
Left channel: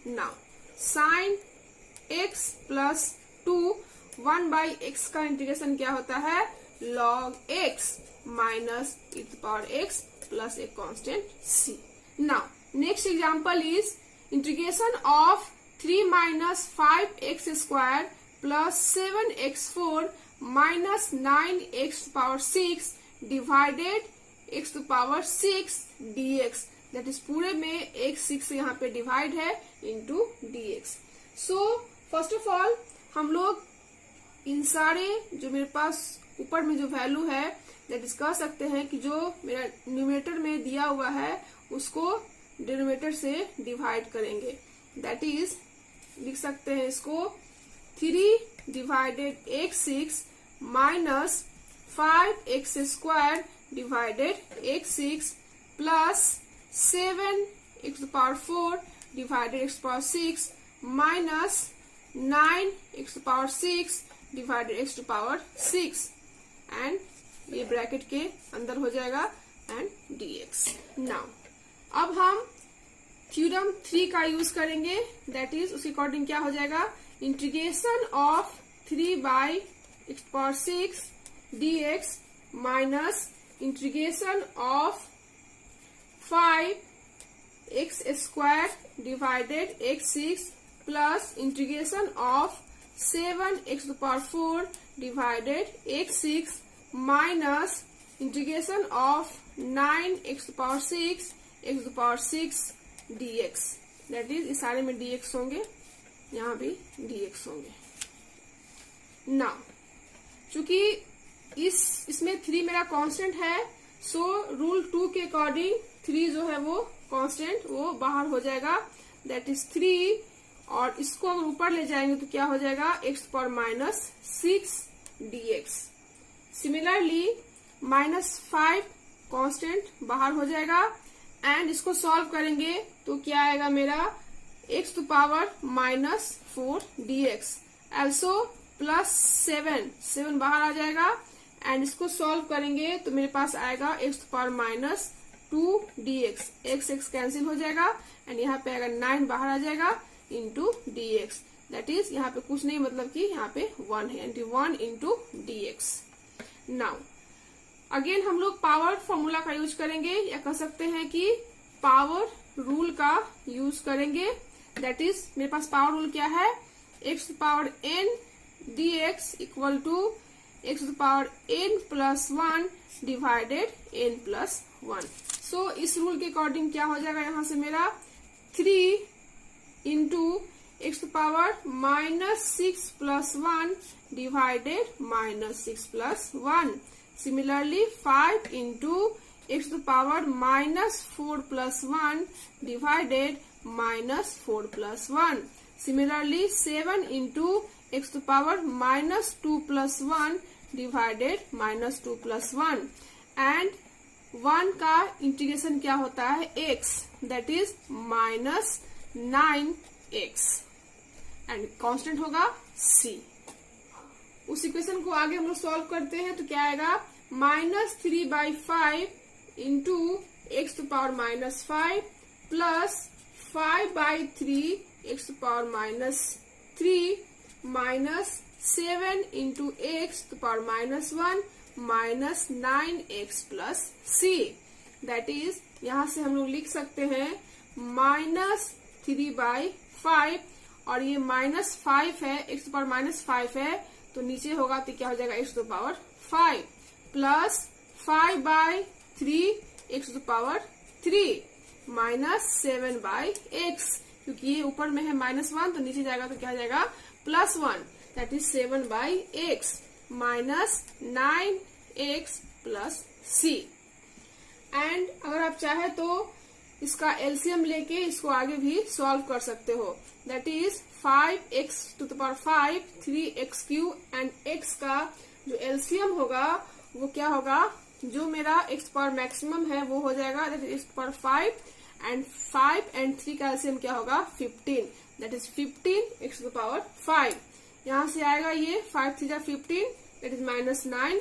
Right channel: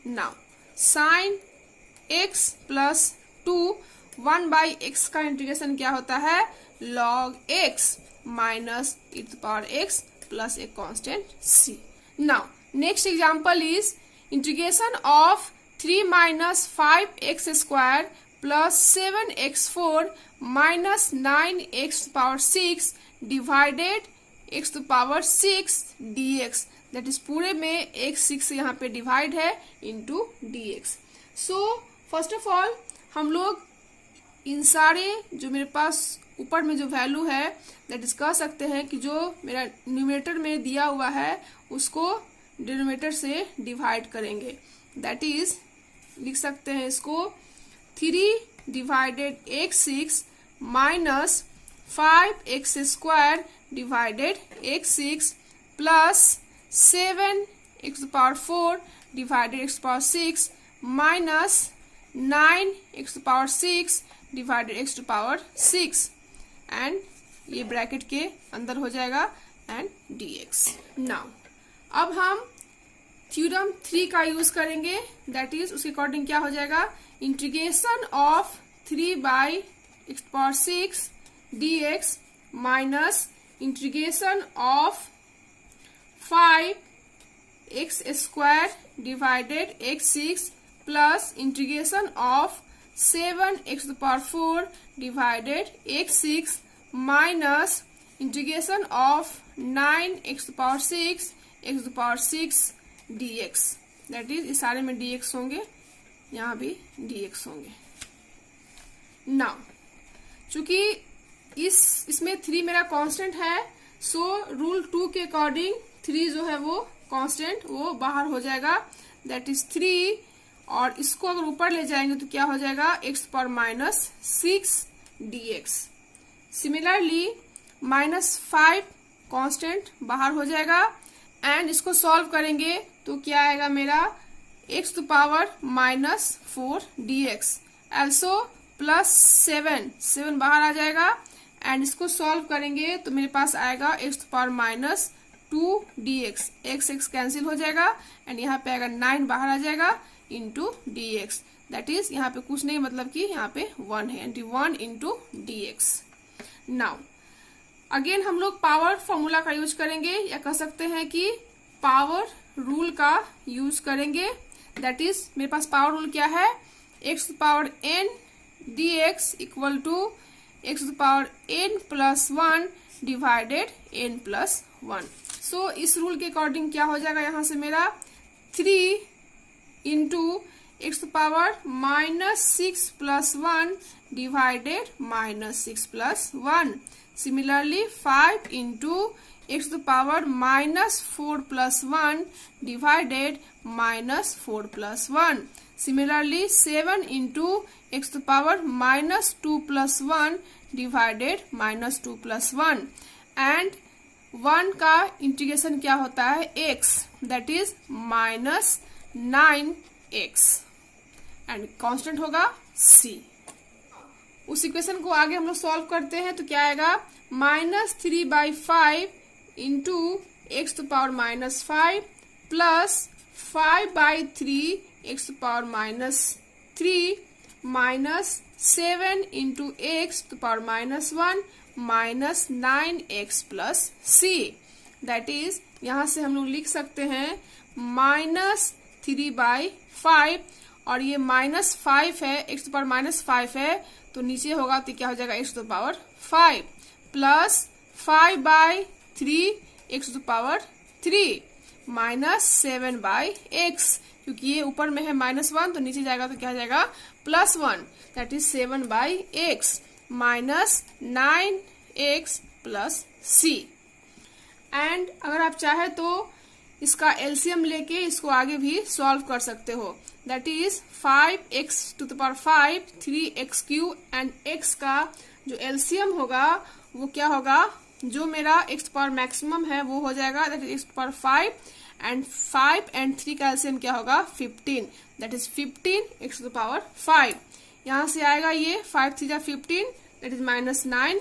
Now sin x plus 2 1/x का इंटीग्रेशन क्या होता है, log x minus e to the power x plus एक constant c। Now next example is integration of 3 minus 5x square plus 7x4 minus 9x to power 6 divided x to power 6 dx। That is पूरे में x 6 से यहाँ पे divide है into dx। So first of all हम लोग इन सारे जो मेरे पास ऊपर में जो वैल्यू है दैट इज कह सकते हैं कि जो मेरा न्यूमरेटर में दिया हुआ है उसको डिनोमिनेटर से डिवाइड करेंगे। दैट इज लिख सकते हैं इसको 3 divided x 6 minus 5x square divided x 6 plus 7x power 4 divided x power 6 minus 9x power 6 divided x power 6 and ये ब्रैकेट के अंदर हो जाएगा एंड dx। नाउ अब हम थ्योरम 3 का यूज करेंगे, दैट इज उसके अकॉर्डिंग क्या हो जाएगा, integration of 3/x power 6 dx minus integration of 5x square divided x 6 plus integration of 7x power 4 divided x 6 minus integration of 9x power 6 x power 6 dx। That is इस सारे में dx होंगे, यहाँ भी dx होंगे। Now चूंकि इसमें 3 मेरा कांस्टेंट है, सो रूल 2 के अकॉर्डिंग 3 जो है वो कांस्टेंट वो बाहर हो जाएगा, दैट इज 3 और इसको अगर ऊपर ले जाएंगे तो क्या हो जाएगा, x power minus 6 dx। Similarly -5 constant बाहर हो जाएगा एंड इसको सॉल्व करेंगे तो क्या आएगा मेरा x to power -4 dx। Also plus 7 बाहर आ जाएगा एंड इसको सॉल्व करेंगे तो मेरे पास आएगा x to power -2 dx। x cancel हो जाएगा एंड यहाँ पे आएगा 9 बाहर आ जाएगा इंटू dx। दैट इज यहाँ पे कुछ नहीं, मतलब कि यहाँ पे 1 है and 1 into dx। Now again हम लोग पावर फॉर्मूला का यूज करेंगे या कह सकते हैं कि पावर रूल का यूज करेंगे। दैट इज मेरे पास पावर रूल क्या है, x to power n dx equal to x to power n plus 1 divided n plus 1। So इस रूल के अकॉर्डिंग क्या हो जाएगा, यहाँ से मेरा 3 into x to power -6 plus 1 divided -6 plus 1। Similarly 5 into x to the power -4 + 1 divided -4 + 1. Similarly 7 into x to the power -2 + 1 divided -2 + 1. And 1 का integration क्या होता है x, that is -9x and constant होगा c. उस इक्वेशन को आगे हम लोग सॉल्व करते हैं तो क्या आएगा, -3/5 into x to power -5 plus 5/3 x to power -3 minus 7 into x to power -1 minus 9x plus c. That is यहां से हम लोग लिख सकते हैं -3/5 और ये -5 है, एक्स टू पावर -5 है तो नीचे होगा तो क्या हो जाएगा x to power 5 plus 5/3 x to power 3 minus 7/x, क्योंकि ये ऊपर में है -1 तो नीचे जाएगा तो क्या हो जाएगा +1, that is 7/x minus 9x plus c. And अगर आप चाहे तो इसका एलसीएम लेके इसको आगे भी सॉल्व कर सकते हो. That is 5x to the power 5 3x³ and x का जो एलसीएम होगा वो क्या होगा, जो मेरा x पावर मैक्सिमम है वो हो जाएगा दैट इज x पावर 5 एंड 3 का एलसीएम क्या होगा 15, that is 15 x to the power 5. यहां से आएगा ये 5 3 15 that is -9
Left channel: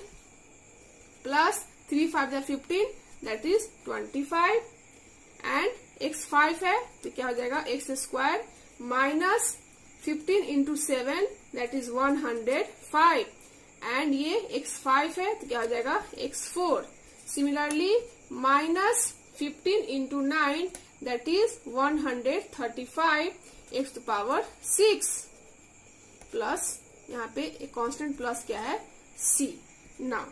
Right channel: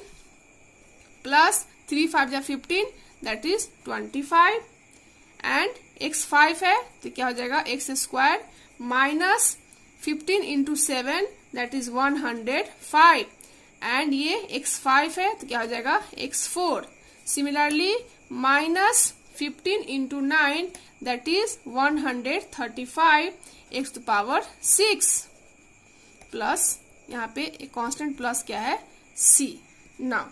plus 3 5 15 that is 25 and x 5 है तो क्या हो जाएगा x² minus 15 into 7 that is 105 and ये x5 है तो क्या हो जाएगा x4. Similarly -15 into 9 that is 135 x to power 6 plus यहाँ पे एक कांस्टेंट प्लस क्या है c. नाउ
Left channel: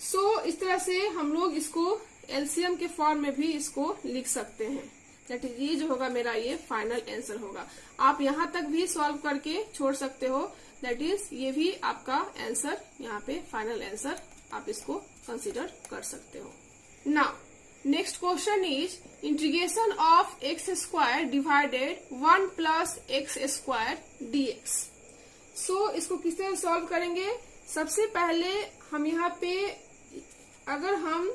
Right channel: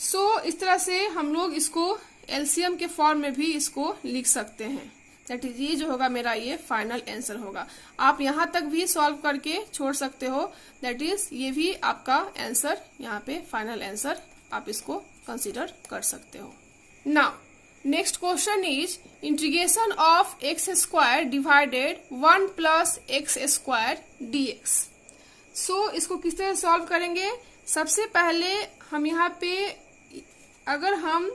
सो इस तरह से हम लोग इसको एलसीएम के फॉर्म में भी इसको लिख सकते हैं. दैट इज ये जो होगा मेरा ये फाइनल आंसर होगा. आप यहाँ तक भी सॉल्व करके छोड़ सकते हो, दैट इज ये भी आपका आंसर, यहाँ पे फाइनल आंसर आप इसको कंसीडर कर सकते हो. Now next question is integration of x² divided 1 + x² dx. सो इसको किस तरह सॉल्व करेंगे, सबसे पहले हम यहाँ पे अगर हम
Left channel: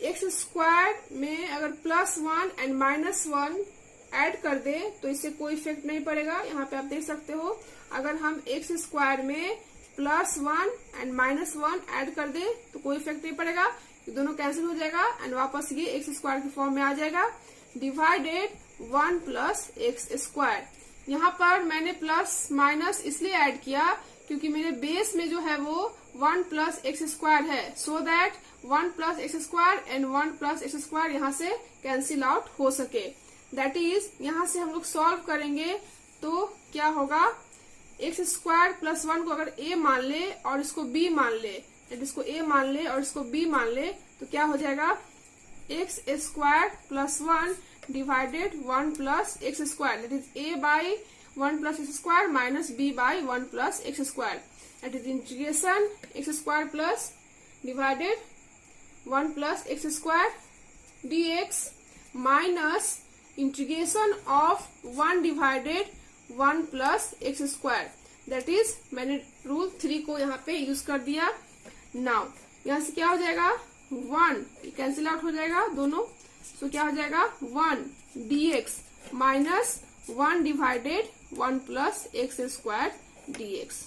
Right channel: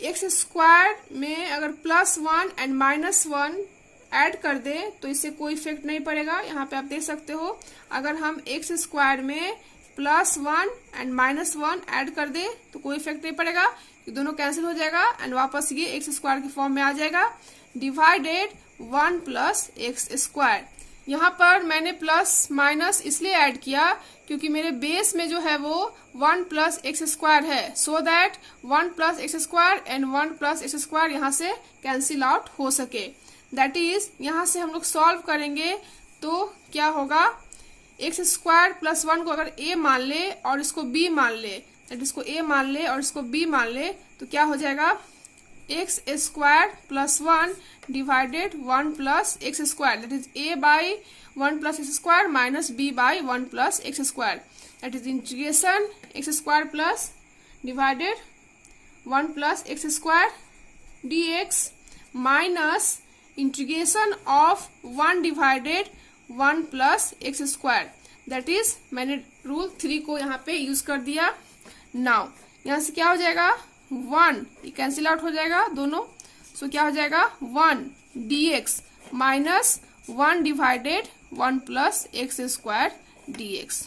x² में अगर +1 एंड -1 ऐड कर दे तो इससे कोई इफेक्ट नहीं पड़ेगा. यहाँ पे आप देख सकते हो अगर हम x² में +1 एंड -1 ऐड कर दे तो कोई इफेक्ट नहीं पड़ेगा, ये दोनों कैंसिल हो जाएगा एंड वापस ये x² के फॉर्म में आ जाएगा. Divided 1 + x². यहाँ पर मैंने प्लस माइनस इसलिए ऐड किया क्योंकि मेरे बेस में जो है वो 1 + x² है, so that 1 + x² and 1 + x² यहाँ से कैंसिल आउट हो सके. दैट इज यहाँ से हम लोग सॉल्व करेंगे तो क्या होगा, x² + 1 को अगर a मान ले और इसको b मान ले, दैट इसको a मान ले और इसको b मान ले तो क्या हो जाएगा x² + 1 divided 1 + x², that is a/1 + x² minus b/1 + x², that is integration x² plus divided 1 + x² dx minus integration of 1 divided 1 + x². That is मैंने रूल 3 को यहाँ पे यूज कर दिया. नाउ यहाँ से क्या हो जाएगा 1 कैंसिल आउट हो जाएगा दोनों, सो क्या हो जाएगा 1 dx minus 1 divided 1 + x² dx.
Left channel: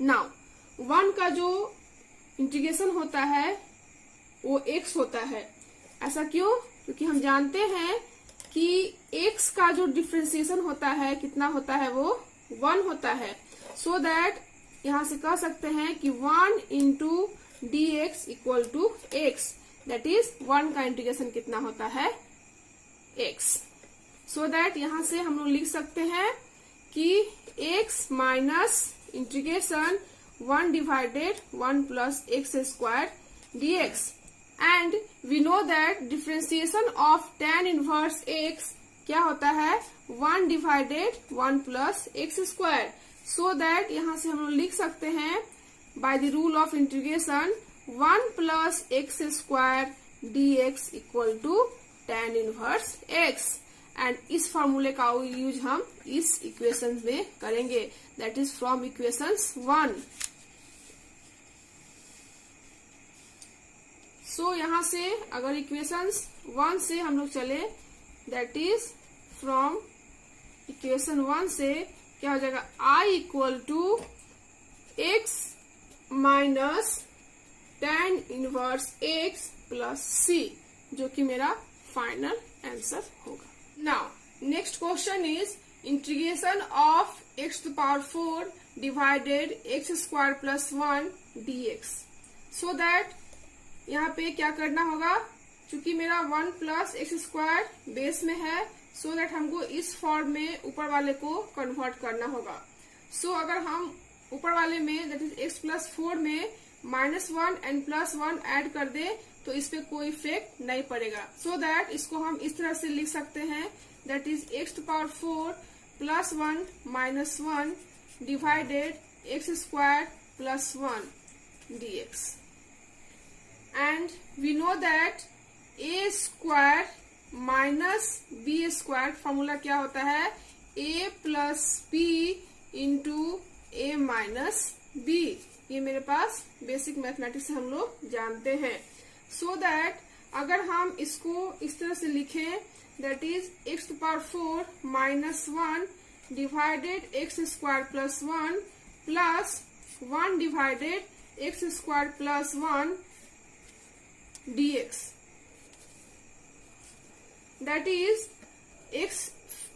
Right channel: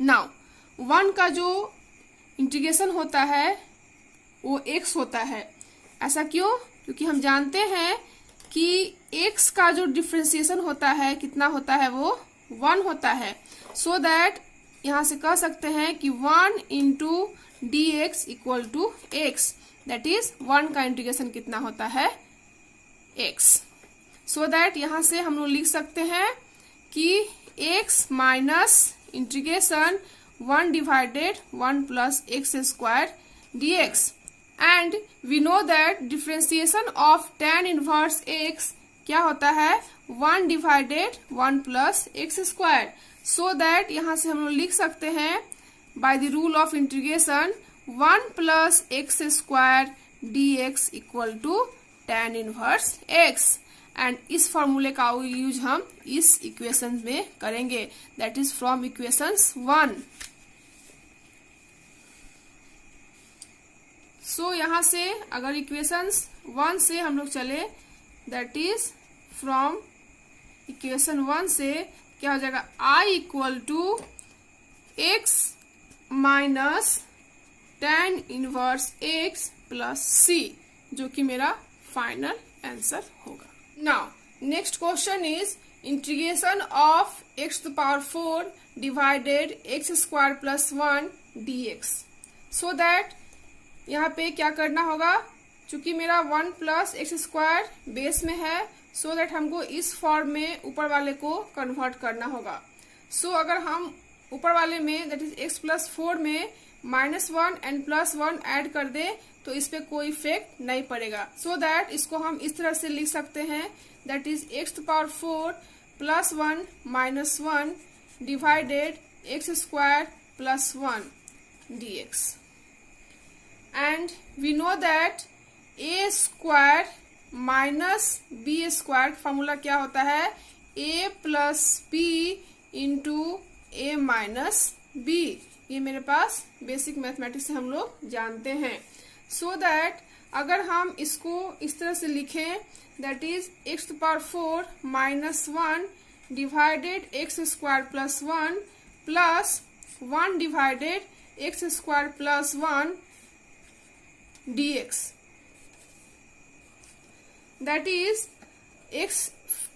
Now 1 का जो इंटीग्रेशन होता है वो x होता है. ऐसा क्यों, क्योंकि हम जानते हैं कि x का जो डिफरेंशिएशन होता है कितना होता है वो 1 होता है. सो दैट यहाँ से कह सकते हैं कि 1 into dx equal to x, that is 1 का इंटीग्रेशन कितना होता है x. सो दैट यहाँ से हम लोग लिख सकते हैं कि x minus integration 1 divided 1 + x² dx. And we know that differentiation of tan inverse x क्या होता है 1 डिवाइडेड 1 + x². सो दैट यहाँ से हम लोग लिख सकते हैं by the rule of integration 1 plus x square dx equal to tan inverse x, and इस फॉर्मूले का यूज हम इस इक्वेशन में करेंगे, दैट इज फ्रॉम इक्वेशंस 1। सो यहां से अगर इक्वेशंस 1 से हम लोग चले, दैट इज फ्रॉम इक्वेशन 1 से क्या हो जाएगा, i equal to x minus tan inverse x plus c, जो कि मेरा फाइनल आंसर होगा। Now next question is integration of x to power 4 divided x square plus 1 dx। So that यहाँ पे क्या करना होगा, चूंकि मेरा 1 प्लस एक्स स्क्वायर बेस में है, सो दैट हमको इस फॉर्म में ऊपर वाले को कन्वर्ट करना होगा। सो अगर हम ऊपर वाले में दैट इज x प्लस 4 में -1 एंड +1 ऐड कर दे तो इस पे कोई इफेक्ट नहीं पड़ेगा। सो दैट इसको हम इस तरह से लिख सकते हैं, that is x to power 4 plus 1 minus 1 divided x square plus 1 dx। And we know that a square minus b square formula क्या होता है, a plus b into a minus b। ये मेरे पास बेसिक मैथमेटिक्स से हम लोग जानते हैं। सो दैट अगर हम इसको इस तरह से लिखें, that is x to power 4 minus 1 divided x square plus 1 plus 1 divided x square plus 1 dx, that is x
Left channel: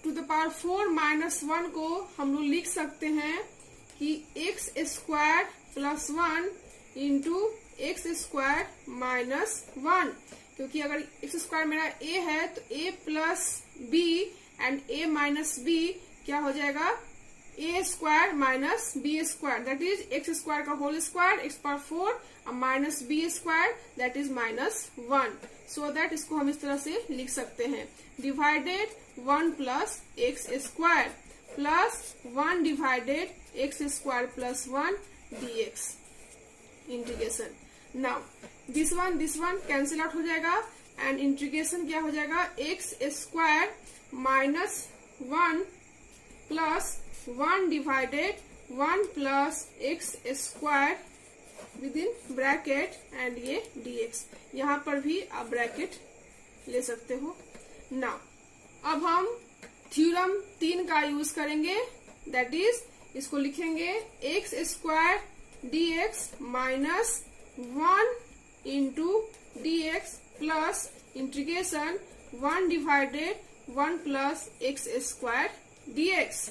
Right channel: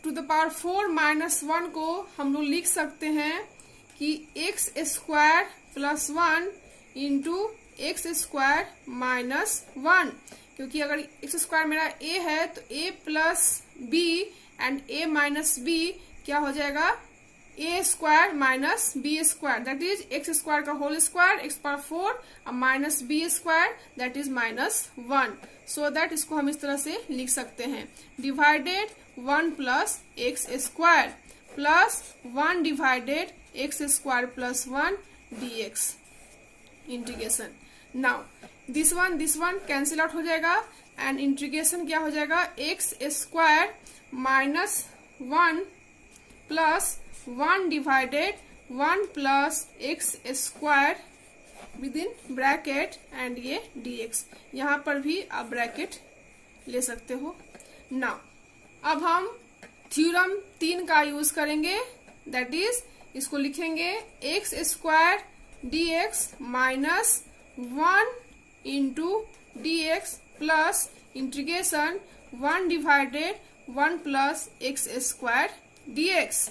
to the power 4 minus 1 को हम लोग लिख सकते हैं कि x square plus 1 into x square minus 1, क्योंकि अगर एक्स स्क्वायर मेरा a है तो a plus b and a minus b क्या हो जाएगा, a square minus b square, that is x square का होल स्क्वायर x पावर 4 और minus b square that is minus 1। So that इसको हम इस तरह से लिख सकते हैं, divided 1 plus x square plus 1 divided x square plus 1 dx integration. Now this one cancel out हो जाएगा एंड इंटीग्रेशन क्या हो जाएगा, x square minus 1 plus 1 divided 1 plus x square with in bracket and ये dx, यहाँ पर भी आप ब्रैकेट ले सकते हो। नाउ अब हम थ्योरम 3 का यूज करेंगे, दैट इज इसको लिखेंगे x square dx minus 1 into dx plus integration 1 divided 1 plus x square dx।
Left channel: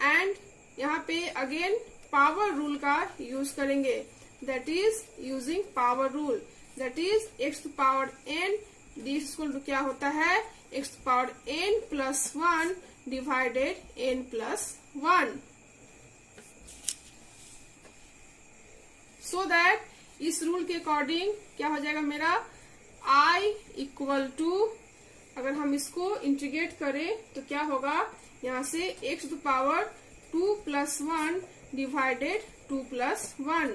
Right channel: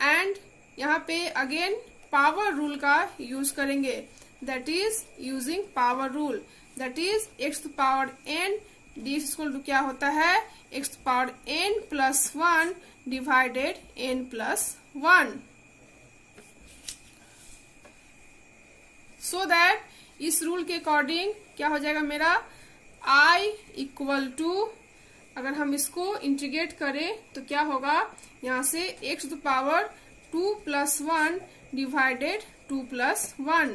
And यहाँ पे अगेन पावर रूल का यूज करेंगे, that is using power rule, that is x to power n dx equal to क्या होता है, x to power n plus 1 divided n plus 1। So that इस rule के according क्या हो जाएगा मेरा, i इक्वल टू, अगर हम इसको इंटीग्रेट करें तो क्या होगा, यहाँ से x to power 2 plus 1 divided 2 plus 1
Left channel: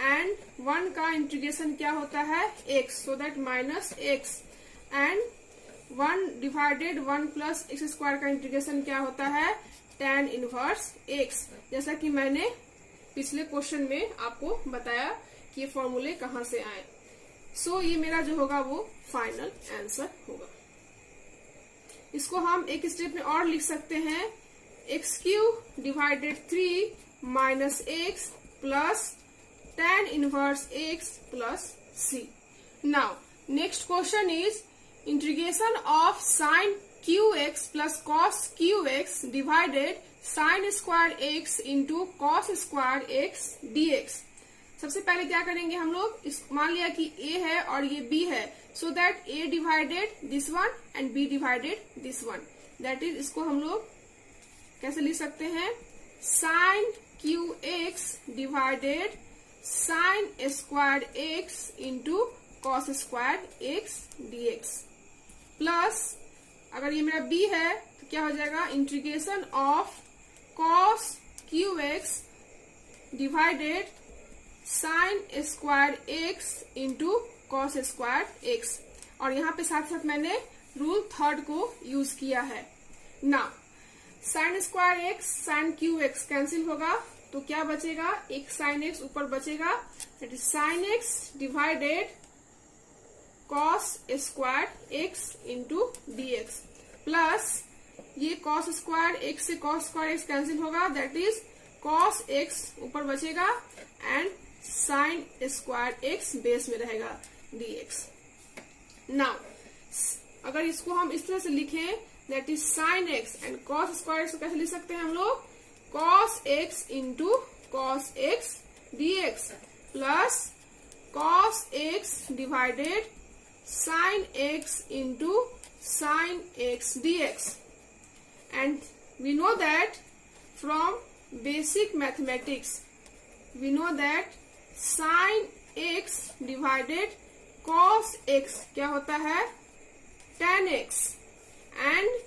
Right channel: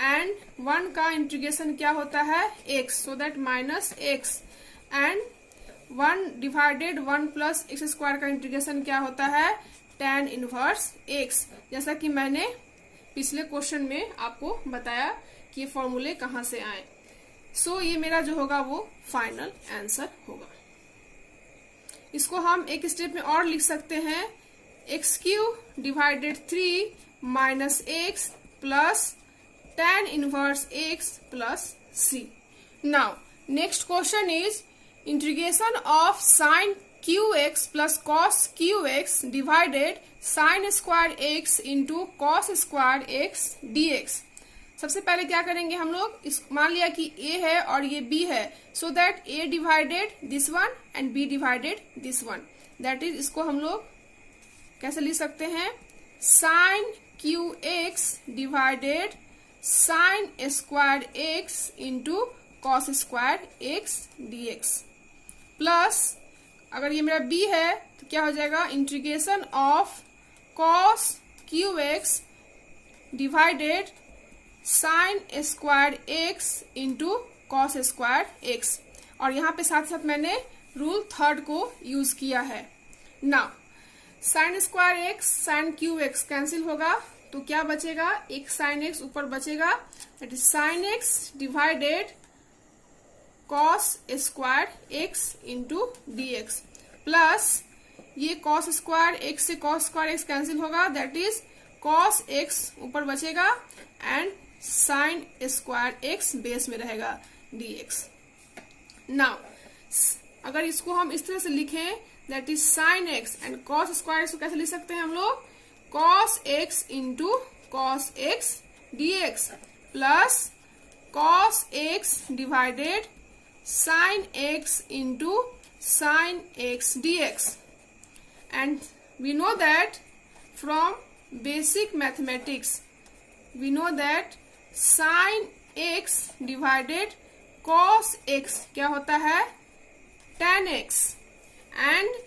and 1 का इंटीग्रेशन क्या होता है x, so that minus x and 1 divided 1 plus x square का इंटीग्रेशन क्या होता है, tan इनवर्स x, जैसा कि मैंने पिछले क्वेश्चन में आपको बताया कि ये फॉर्मूले कहाँ से आए। सो ये मेरा जो होगा वो फाइनल आंसर होगा। इसको हम एक स्टेप में और लिख सकते हैं, x Q divided 3 minus x plus tan inverse x plus c। Now next question is integration of sign qx plus cos qx divided sine square x into cos square x dx। सबसे पहले क्या करेंगे हम लोग, मान लिया कि a है और ये b है, so that a divided this one and b divided this one, that is इसको हम लोग कैसे लिख सकते हैं, sine qx divided sine square x into cos square x dx plus, अगर ये मेरा b है तो क्या हो जाएगा, integration of cos qx divided sine square x into cos square x, और यहाँ पे साथ साथ मैंने रूल थर्ड को यूज किया है। Now sine square x sine cube x cancel होगा, तो क्या बचेगा, एक साइन एक्स ऊपर बचेगा, that is sine x divided cos square x into D x, plus ये कॉस स्क्वायर एक्स से कॉस स्क्वायर एक्स कैंसिल होगा, दैट इज कॉस एक्स ऊपर बचेगा and sine square x base में रहेगा डी एक्स। नाउ अगर इसको हम इस तरह से लिखें, that is sine x and cos square x को कैसे लिख सकते हैं हम लोग, cos x into cos x d x plus cos x divided sine x into sine x d x. And we know that from basic mathematics, we know that sin x divided cos x क्या होता है, tan x, and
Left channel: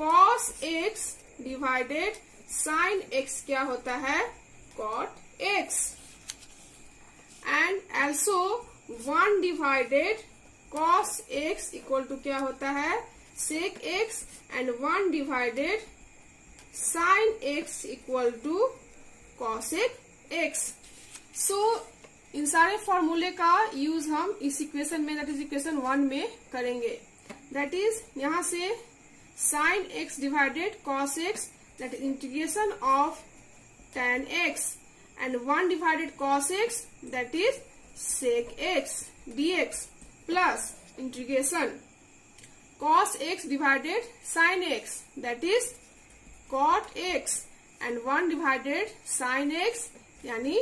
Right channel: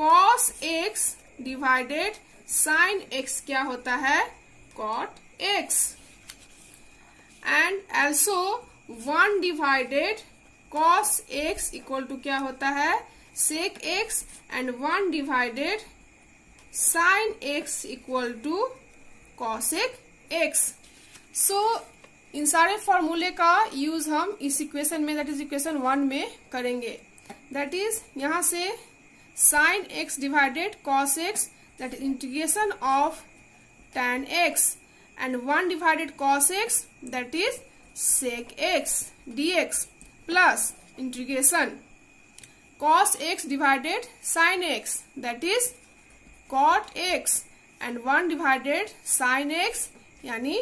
cos x divided sin x क्या होता है, cot x, and also 1 divided cos x equal to क्या होता है, sec x, and 1 divided sin x equal to cosec x। So इन सारे फॉर्मूले का यूज हम इस इक्वेशन में, दैट इज इक्वेशन 1 में करेंगे। दैट इज यहां से sin x divided cos x, that is integration of tan x, and 1 divided cos x, that is sec x dx, plus integration cos x divided sin x, that is cot x, and 1 divided sin x यानी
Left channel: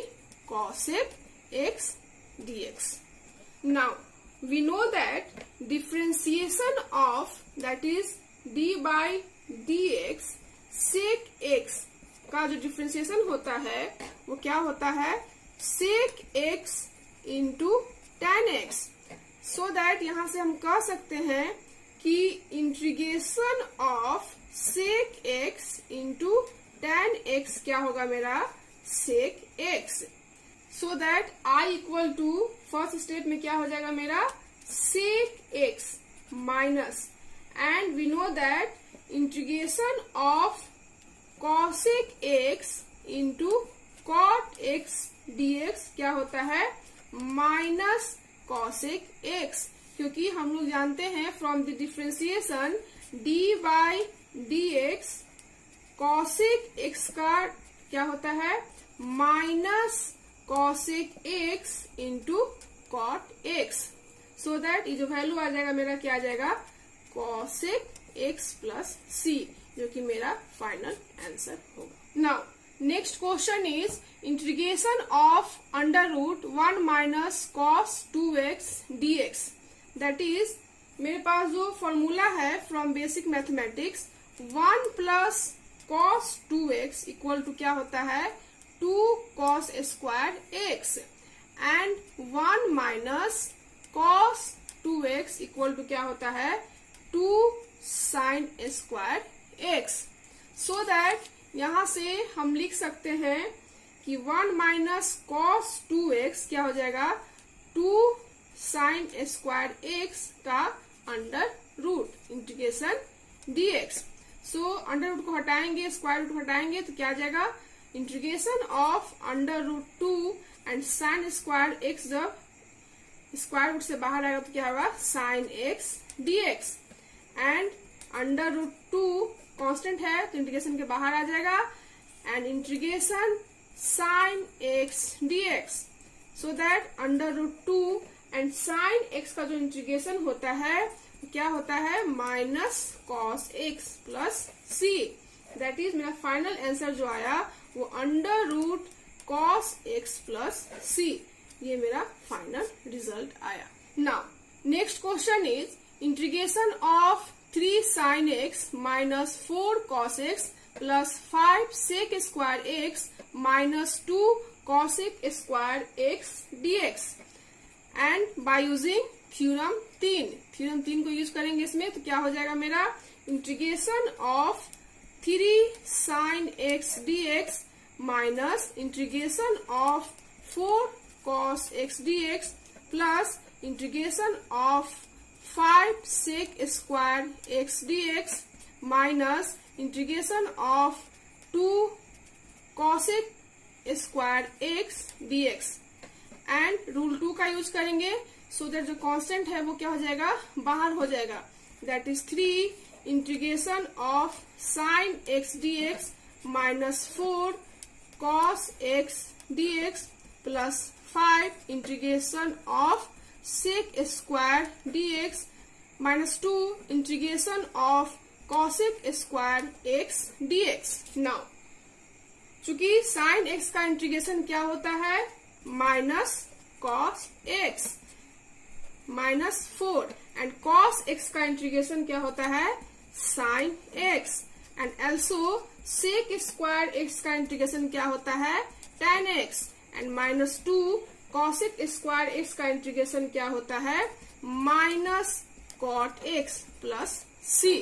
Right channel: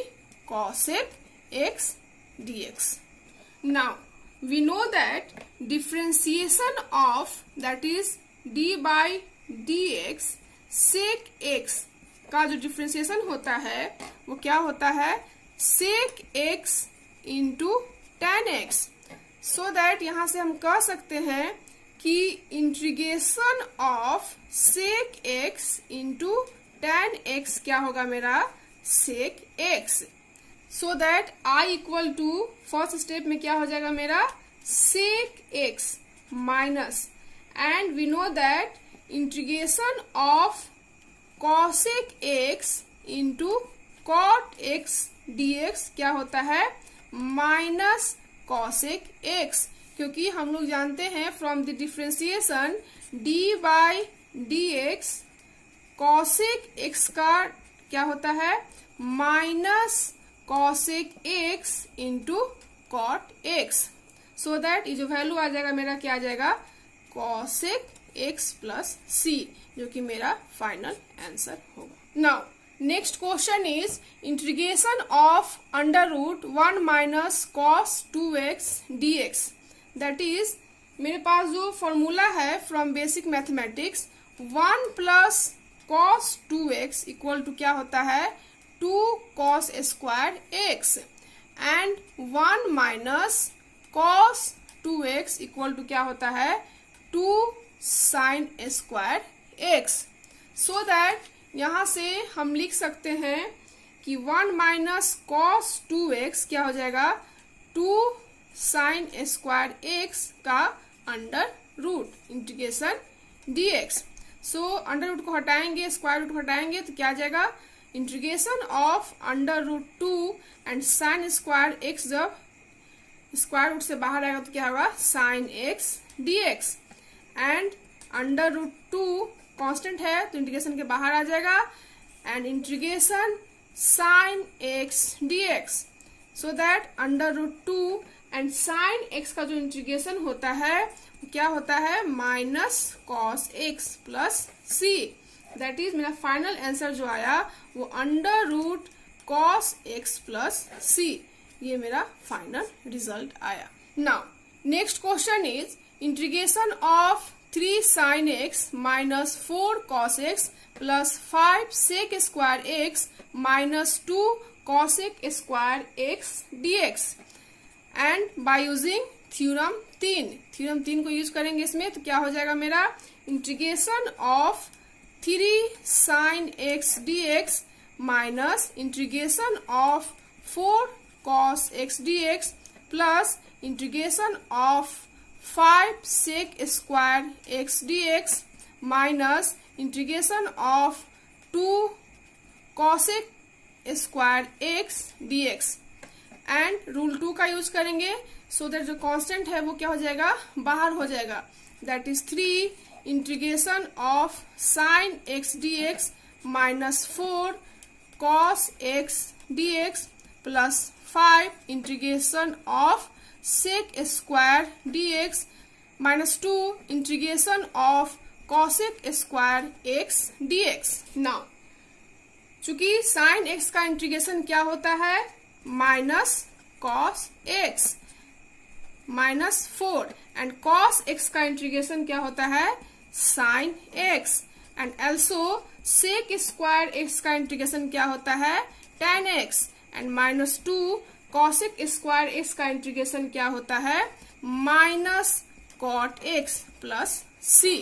cosec x dx। Now we know that differentiation of, that is d by dx sec x का जो differentiation होता है वो क्या होता है, sec x into tan x, so that यहां से हम कह सकते हैं कि integration of sec x into tan x क्या होगा मेरा, sec x, so that I equal to first step में क्या हो जाएगा मेरा, sec x minus, and we know that integration of cosec x into cot x d x क्या होता है, माइनस कॉसेक एक्स, क्योंकि हम लोग जानते हैं from the differentiation d by d x cosec x का क्या होता है, minus cosec x into cot x, so that ये जो वैल्यू आ जाएगा मेरा क्या आ जाएगा, कॉसेक एक्स प्लस सी, जो कि मेरा फाइनल आंसर होगा। Now next question is integration of under root 1 minus cos 2x dx, that is मेरे पास जो फॉर्मूला है from basic mathematics, 1 plus cos 2x equal to क्या होता है, 2 cos square x, and 1 minus cos 2x equal to क्या होता है, 2 sine square x, so that यहां से हम लिख सकते हैं कि 1 माइनस कॉस 2x क्या हो जाएगा, 2 साइन स्क्वायर एक्स का under root integration dx। So under root को हटाएंगे, स्क्वायर रूट को हटाएंगे तो क्या आ जाएगा, integration of under root 2 and sine square x, जब स्क्वायर रूट से बाहर आएगा तो क्या होगा, sine x dx, and under root 2 constant है तो इंटीग्रेशन के बाहर आ जाएगा, and integration sine x dx, so that under root 2 and sine x का जो इंटीग्रेशन होता है क्या होता है, minus cos x plus c, that is मेरा फाइनल आंसर जो आया वो under root cos x plus c, ये मेरा फाइनल रिजल्ट आया। Now next question is integration of 3 sine x minus 4 cos x plus 5 sec square x minus 2 cosec square x dx, and by using theorem 3 को use करेंगे इसमें, तो क्या हो जाएगा मेरा, integration of 3 sine x dx minus integration of 4 cos x dx plus integration of 5 sec square x dx minus integration of 2 cosec square x dx and rule 2 का use करेंगे सो दैट जो कांस्टेंट है वो क्या हो जाएगा, बाहर हो जाएगा. That is 3 integration of sine x dx minus 4 cos x dx plus 5 integration of sec square dx minus 2 integration of cosec square x dx. Now चूंकि साइन x का इंटीग्रेशन क्या होता है, minus cos x minus 4 and cos x का integration क्या होता है, sine x and also sec square x का इंटीग्रेशन क्या होता है, tan x and minus 2 cosec square x का इंटीग्रेशन क्या होता है, minus cot x plus c.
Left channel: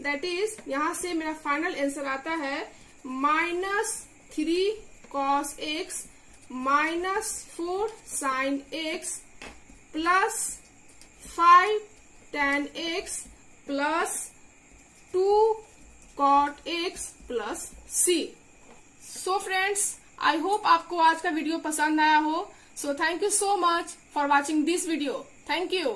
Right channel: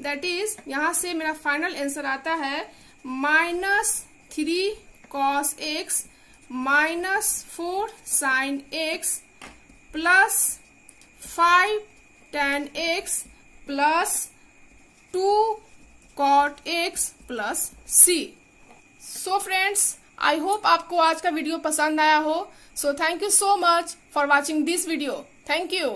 That is यहां से मेरा फाइनल आंसर आता है minus 3 cos x minus 4 sine x plus 5 tan x plus 2 cot x plus c. So friends, I hope आपको आज का वीडियो पसंद आया हो. So thank you so much for watching this video. Thank you.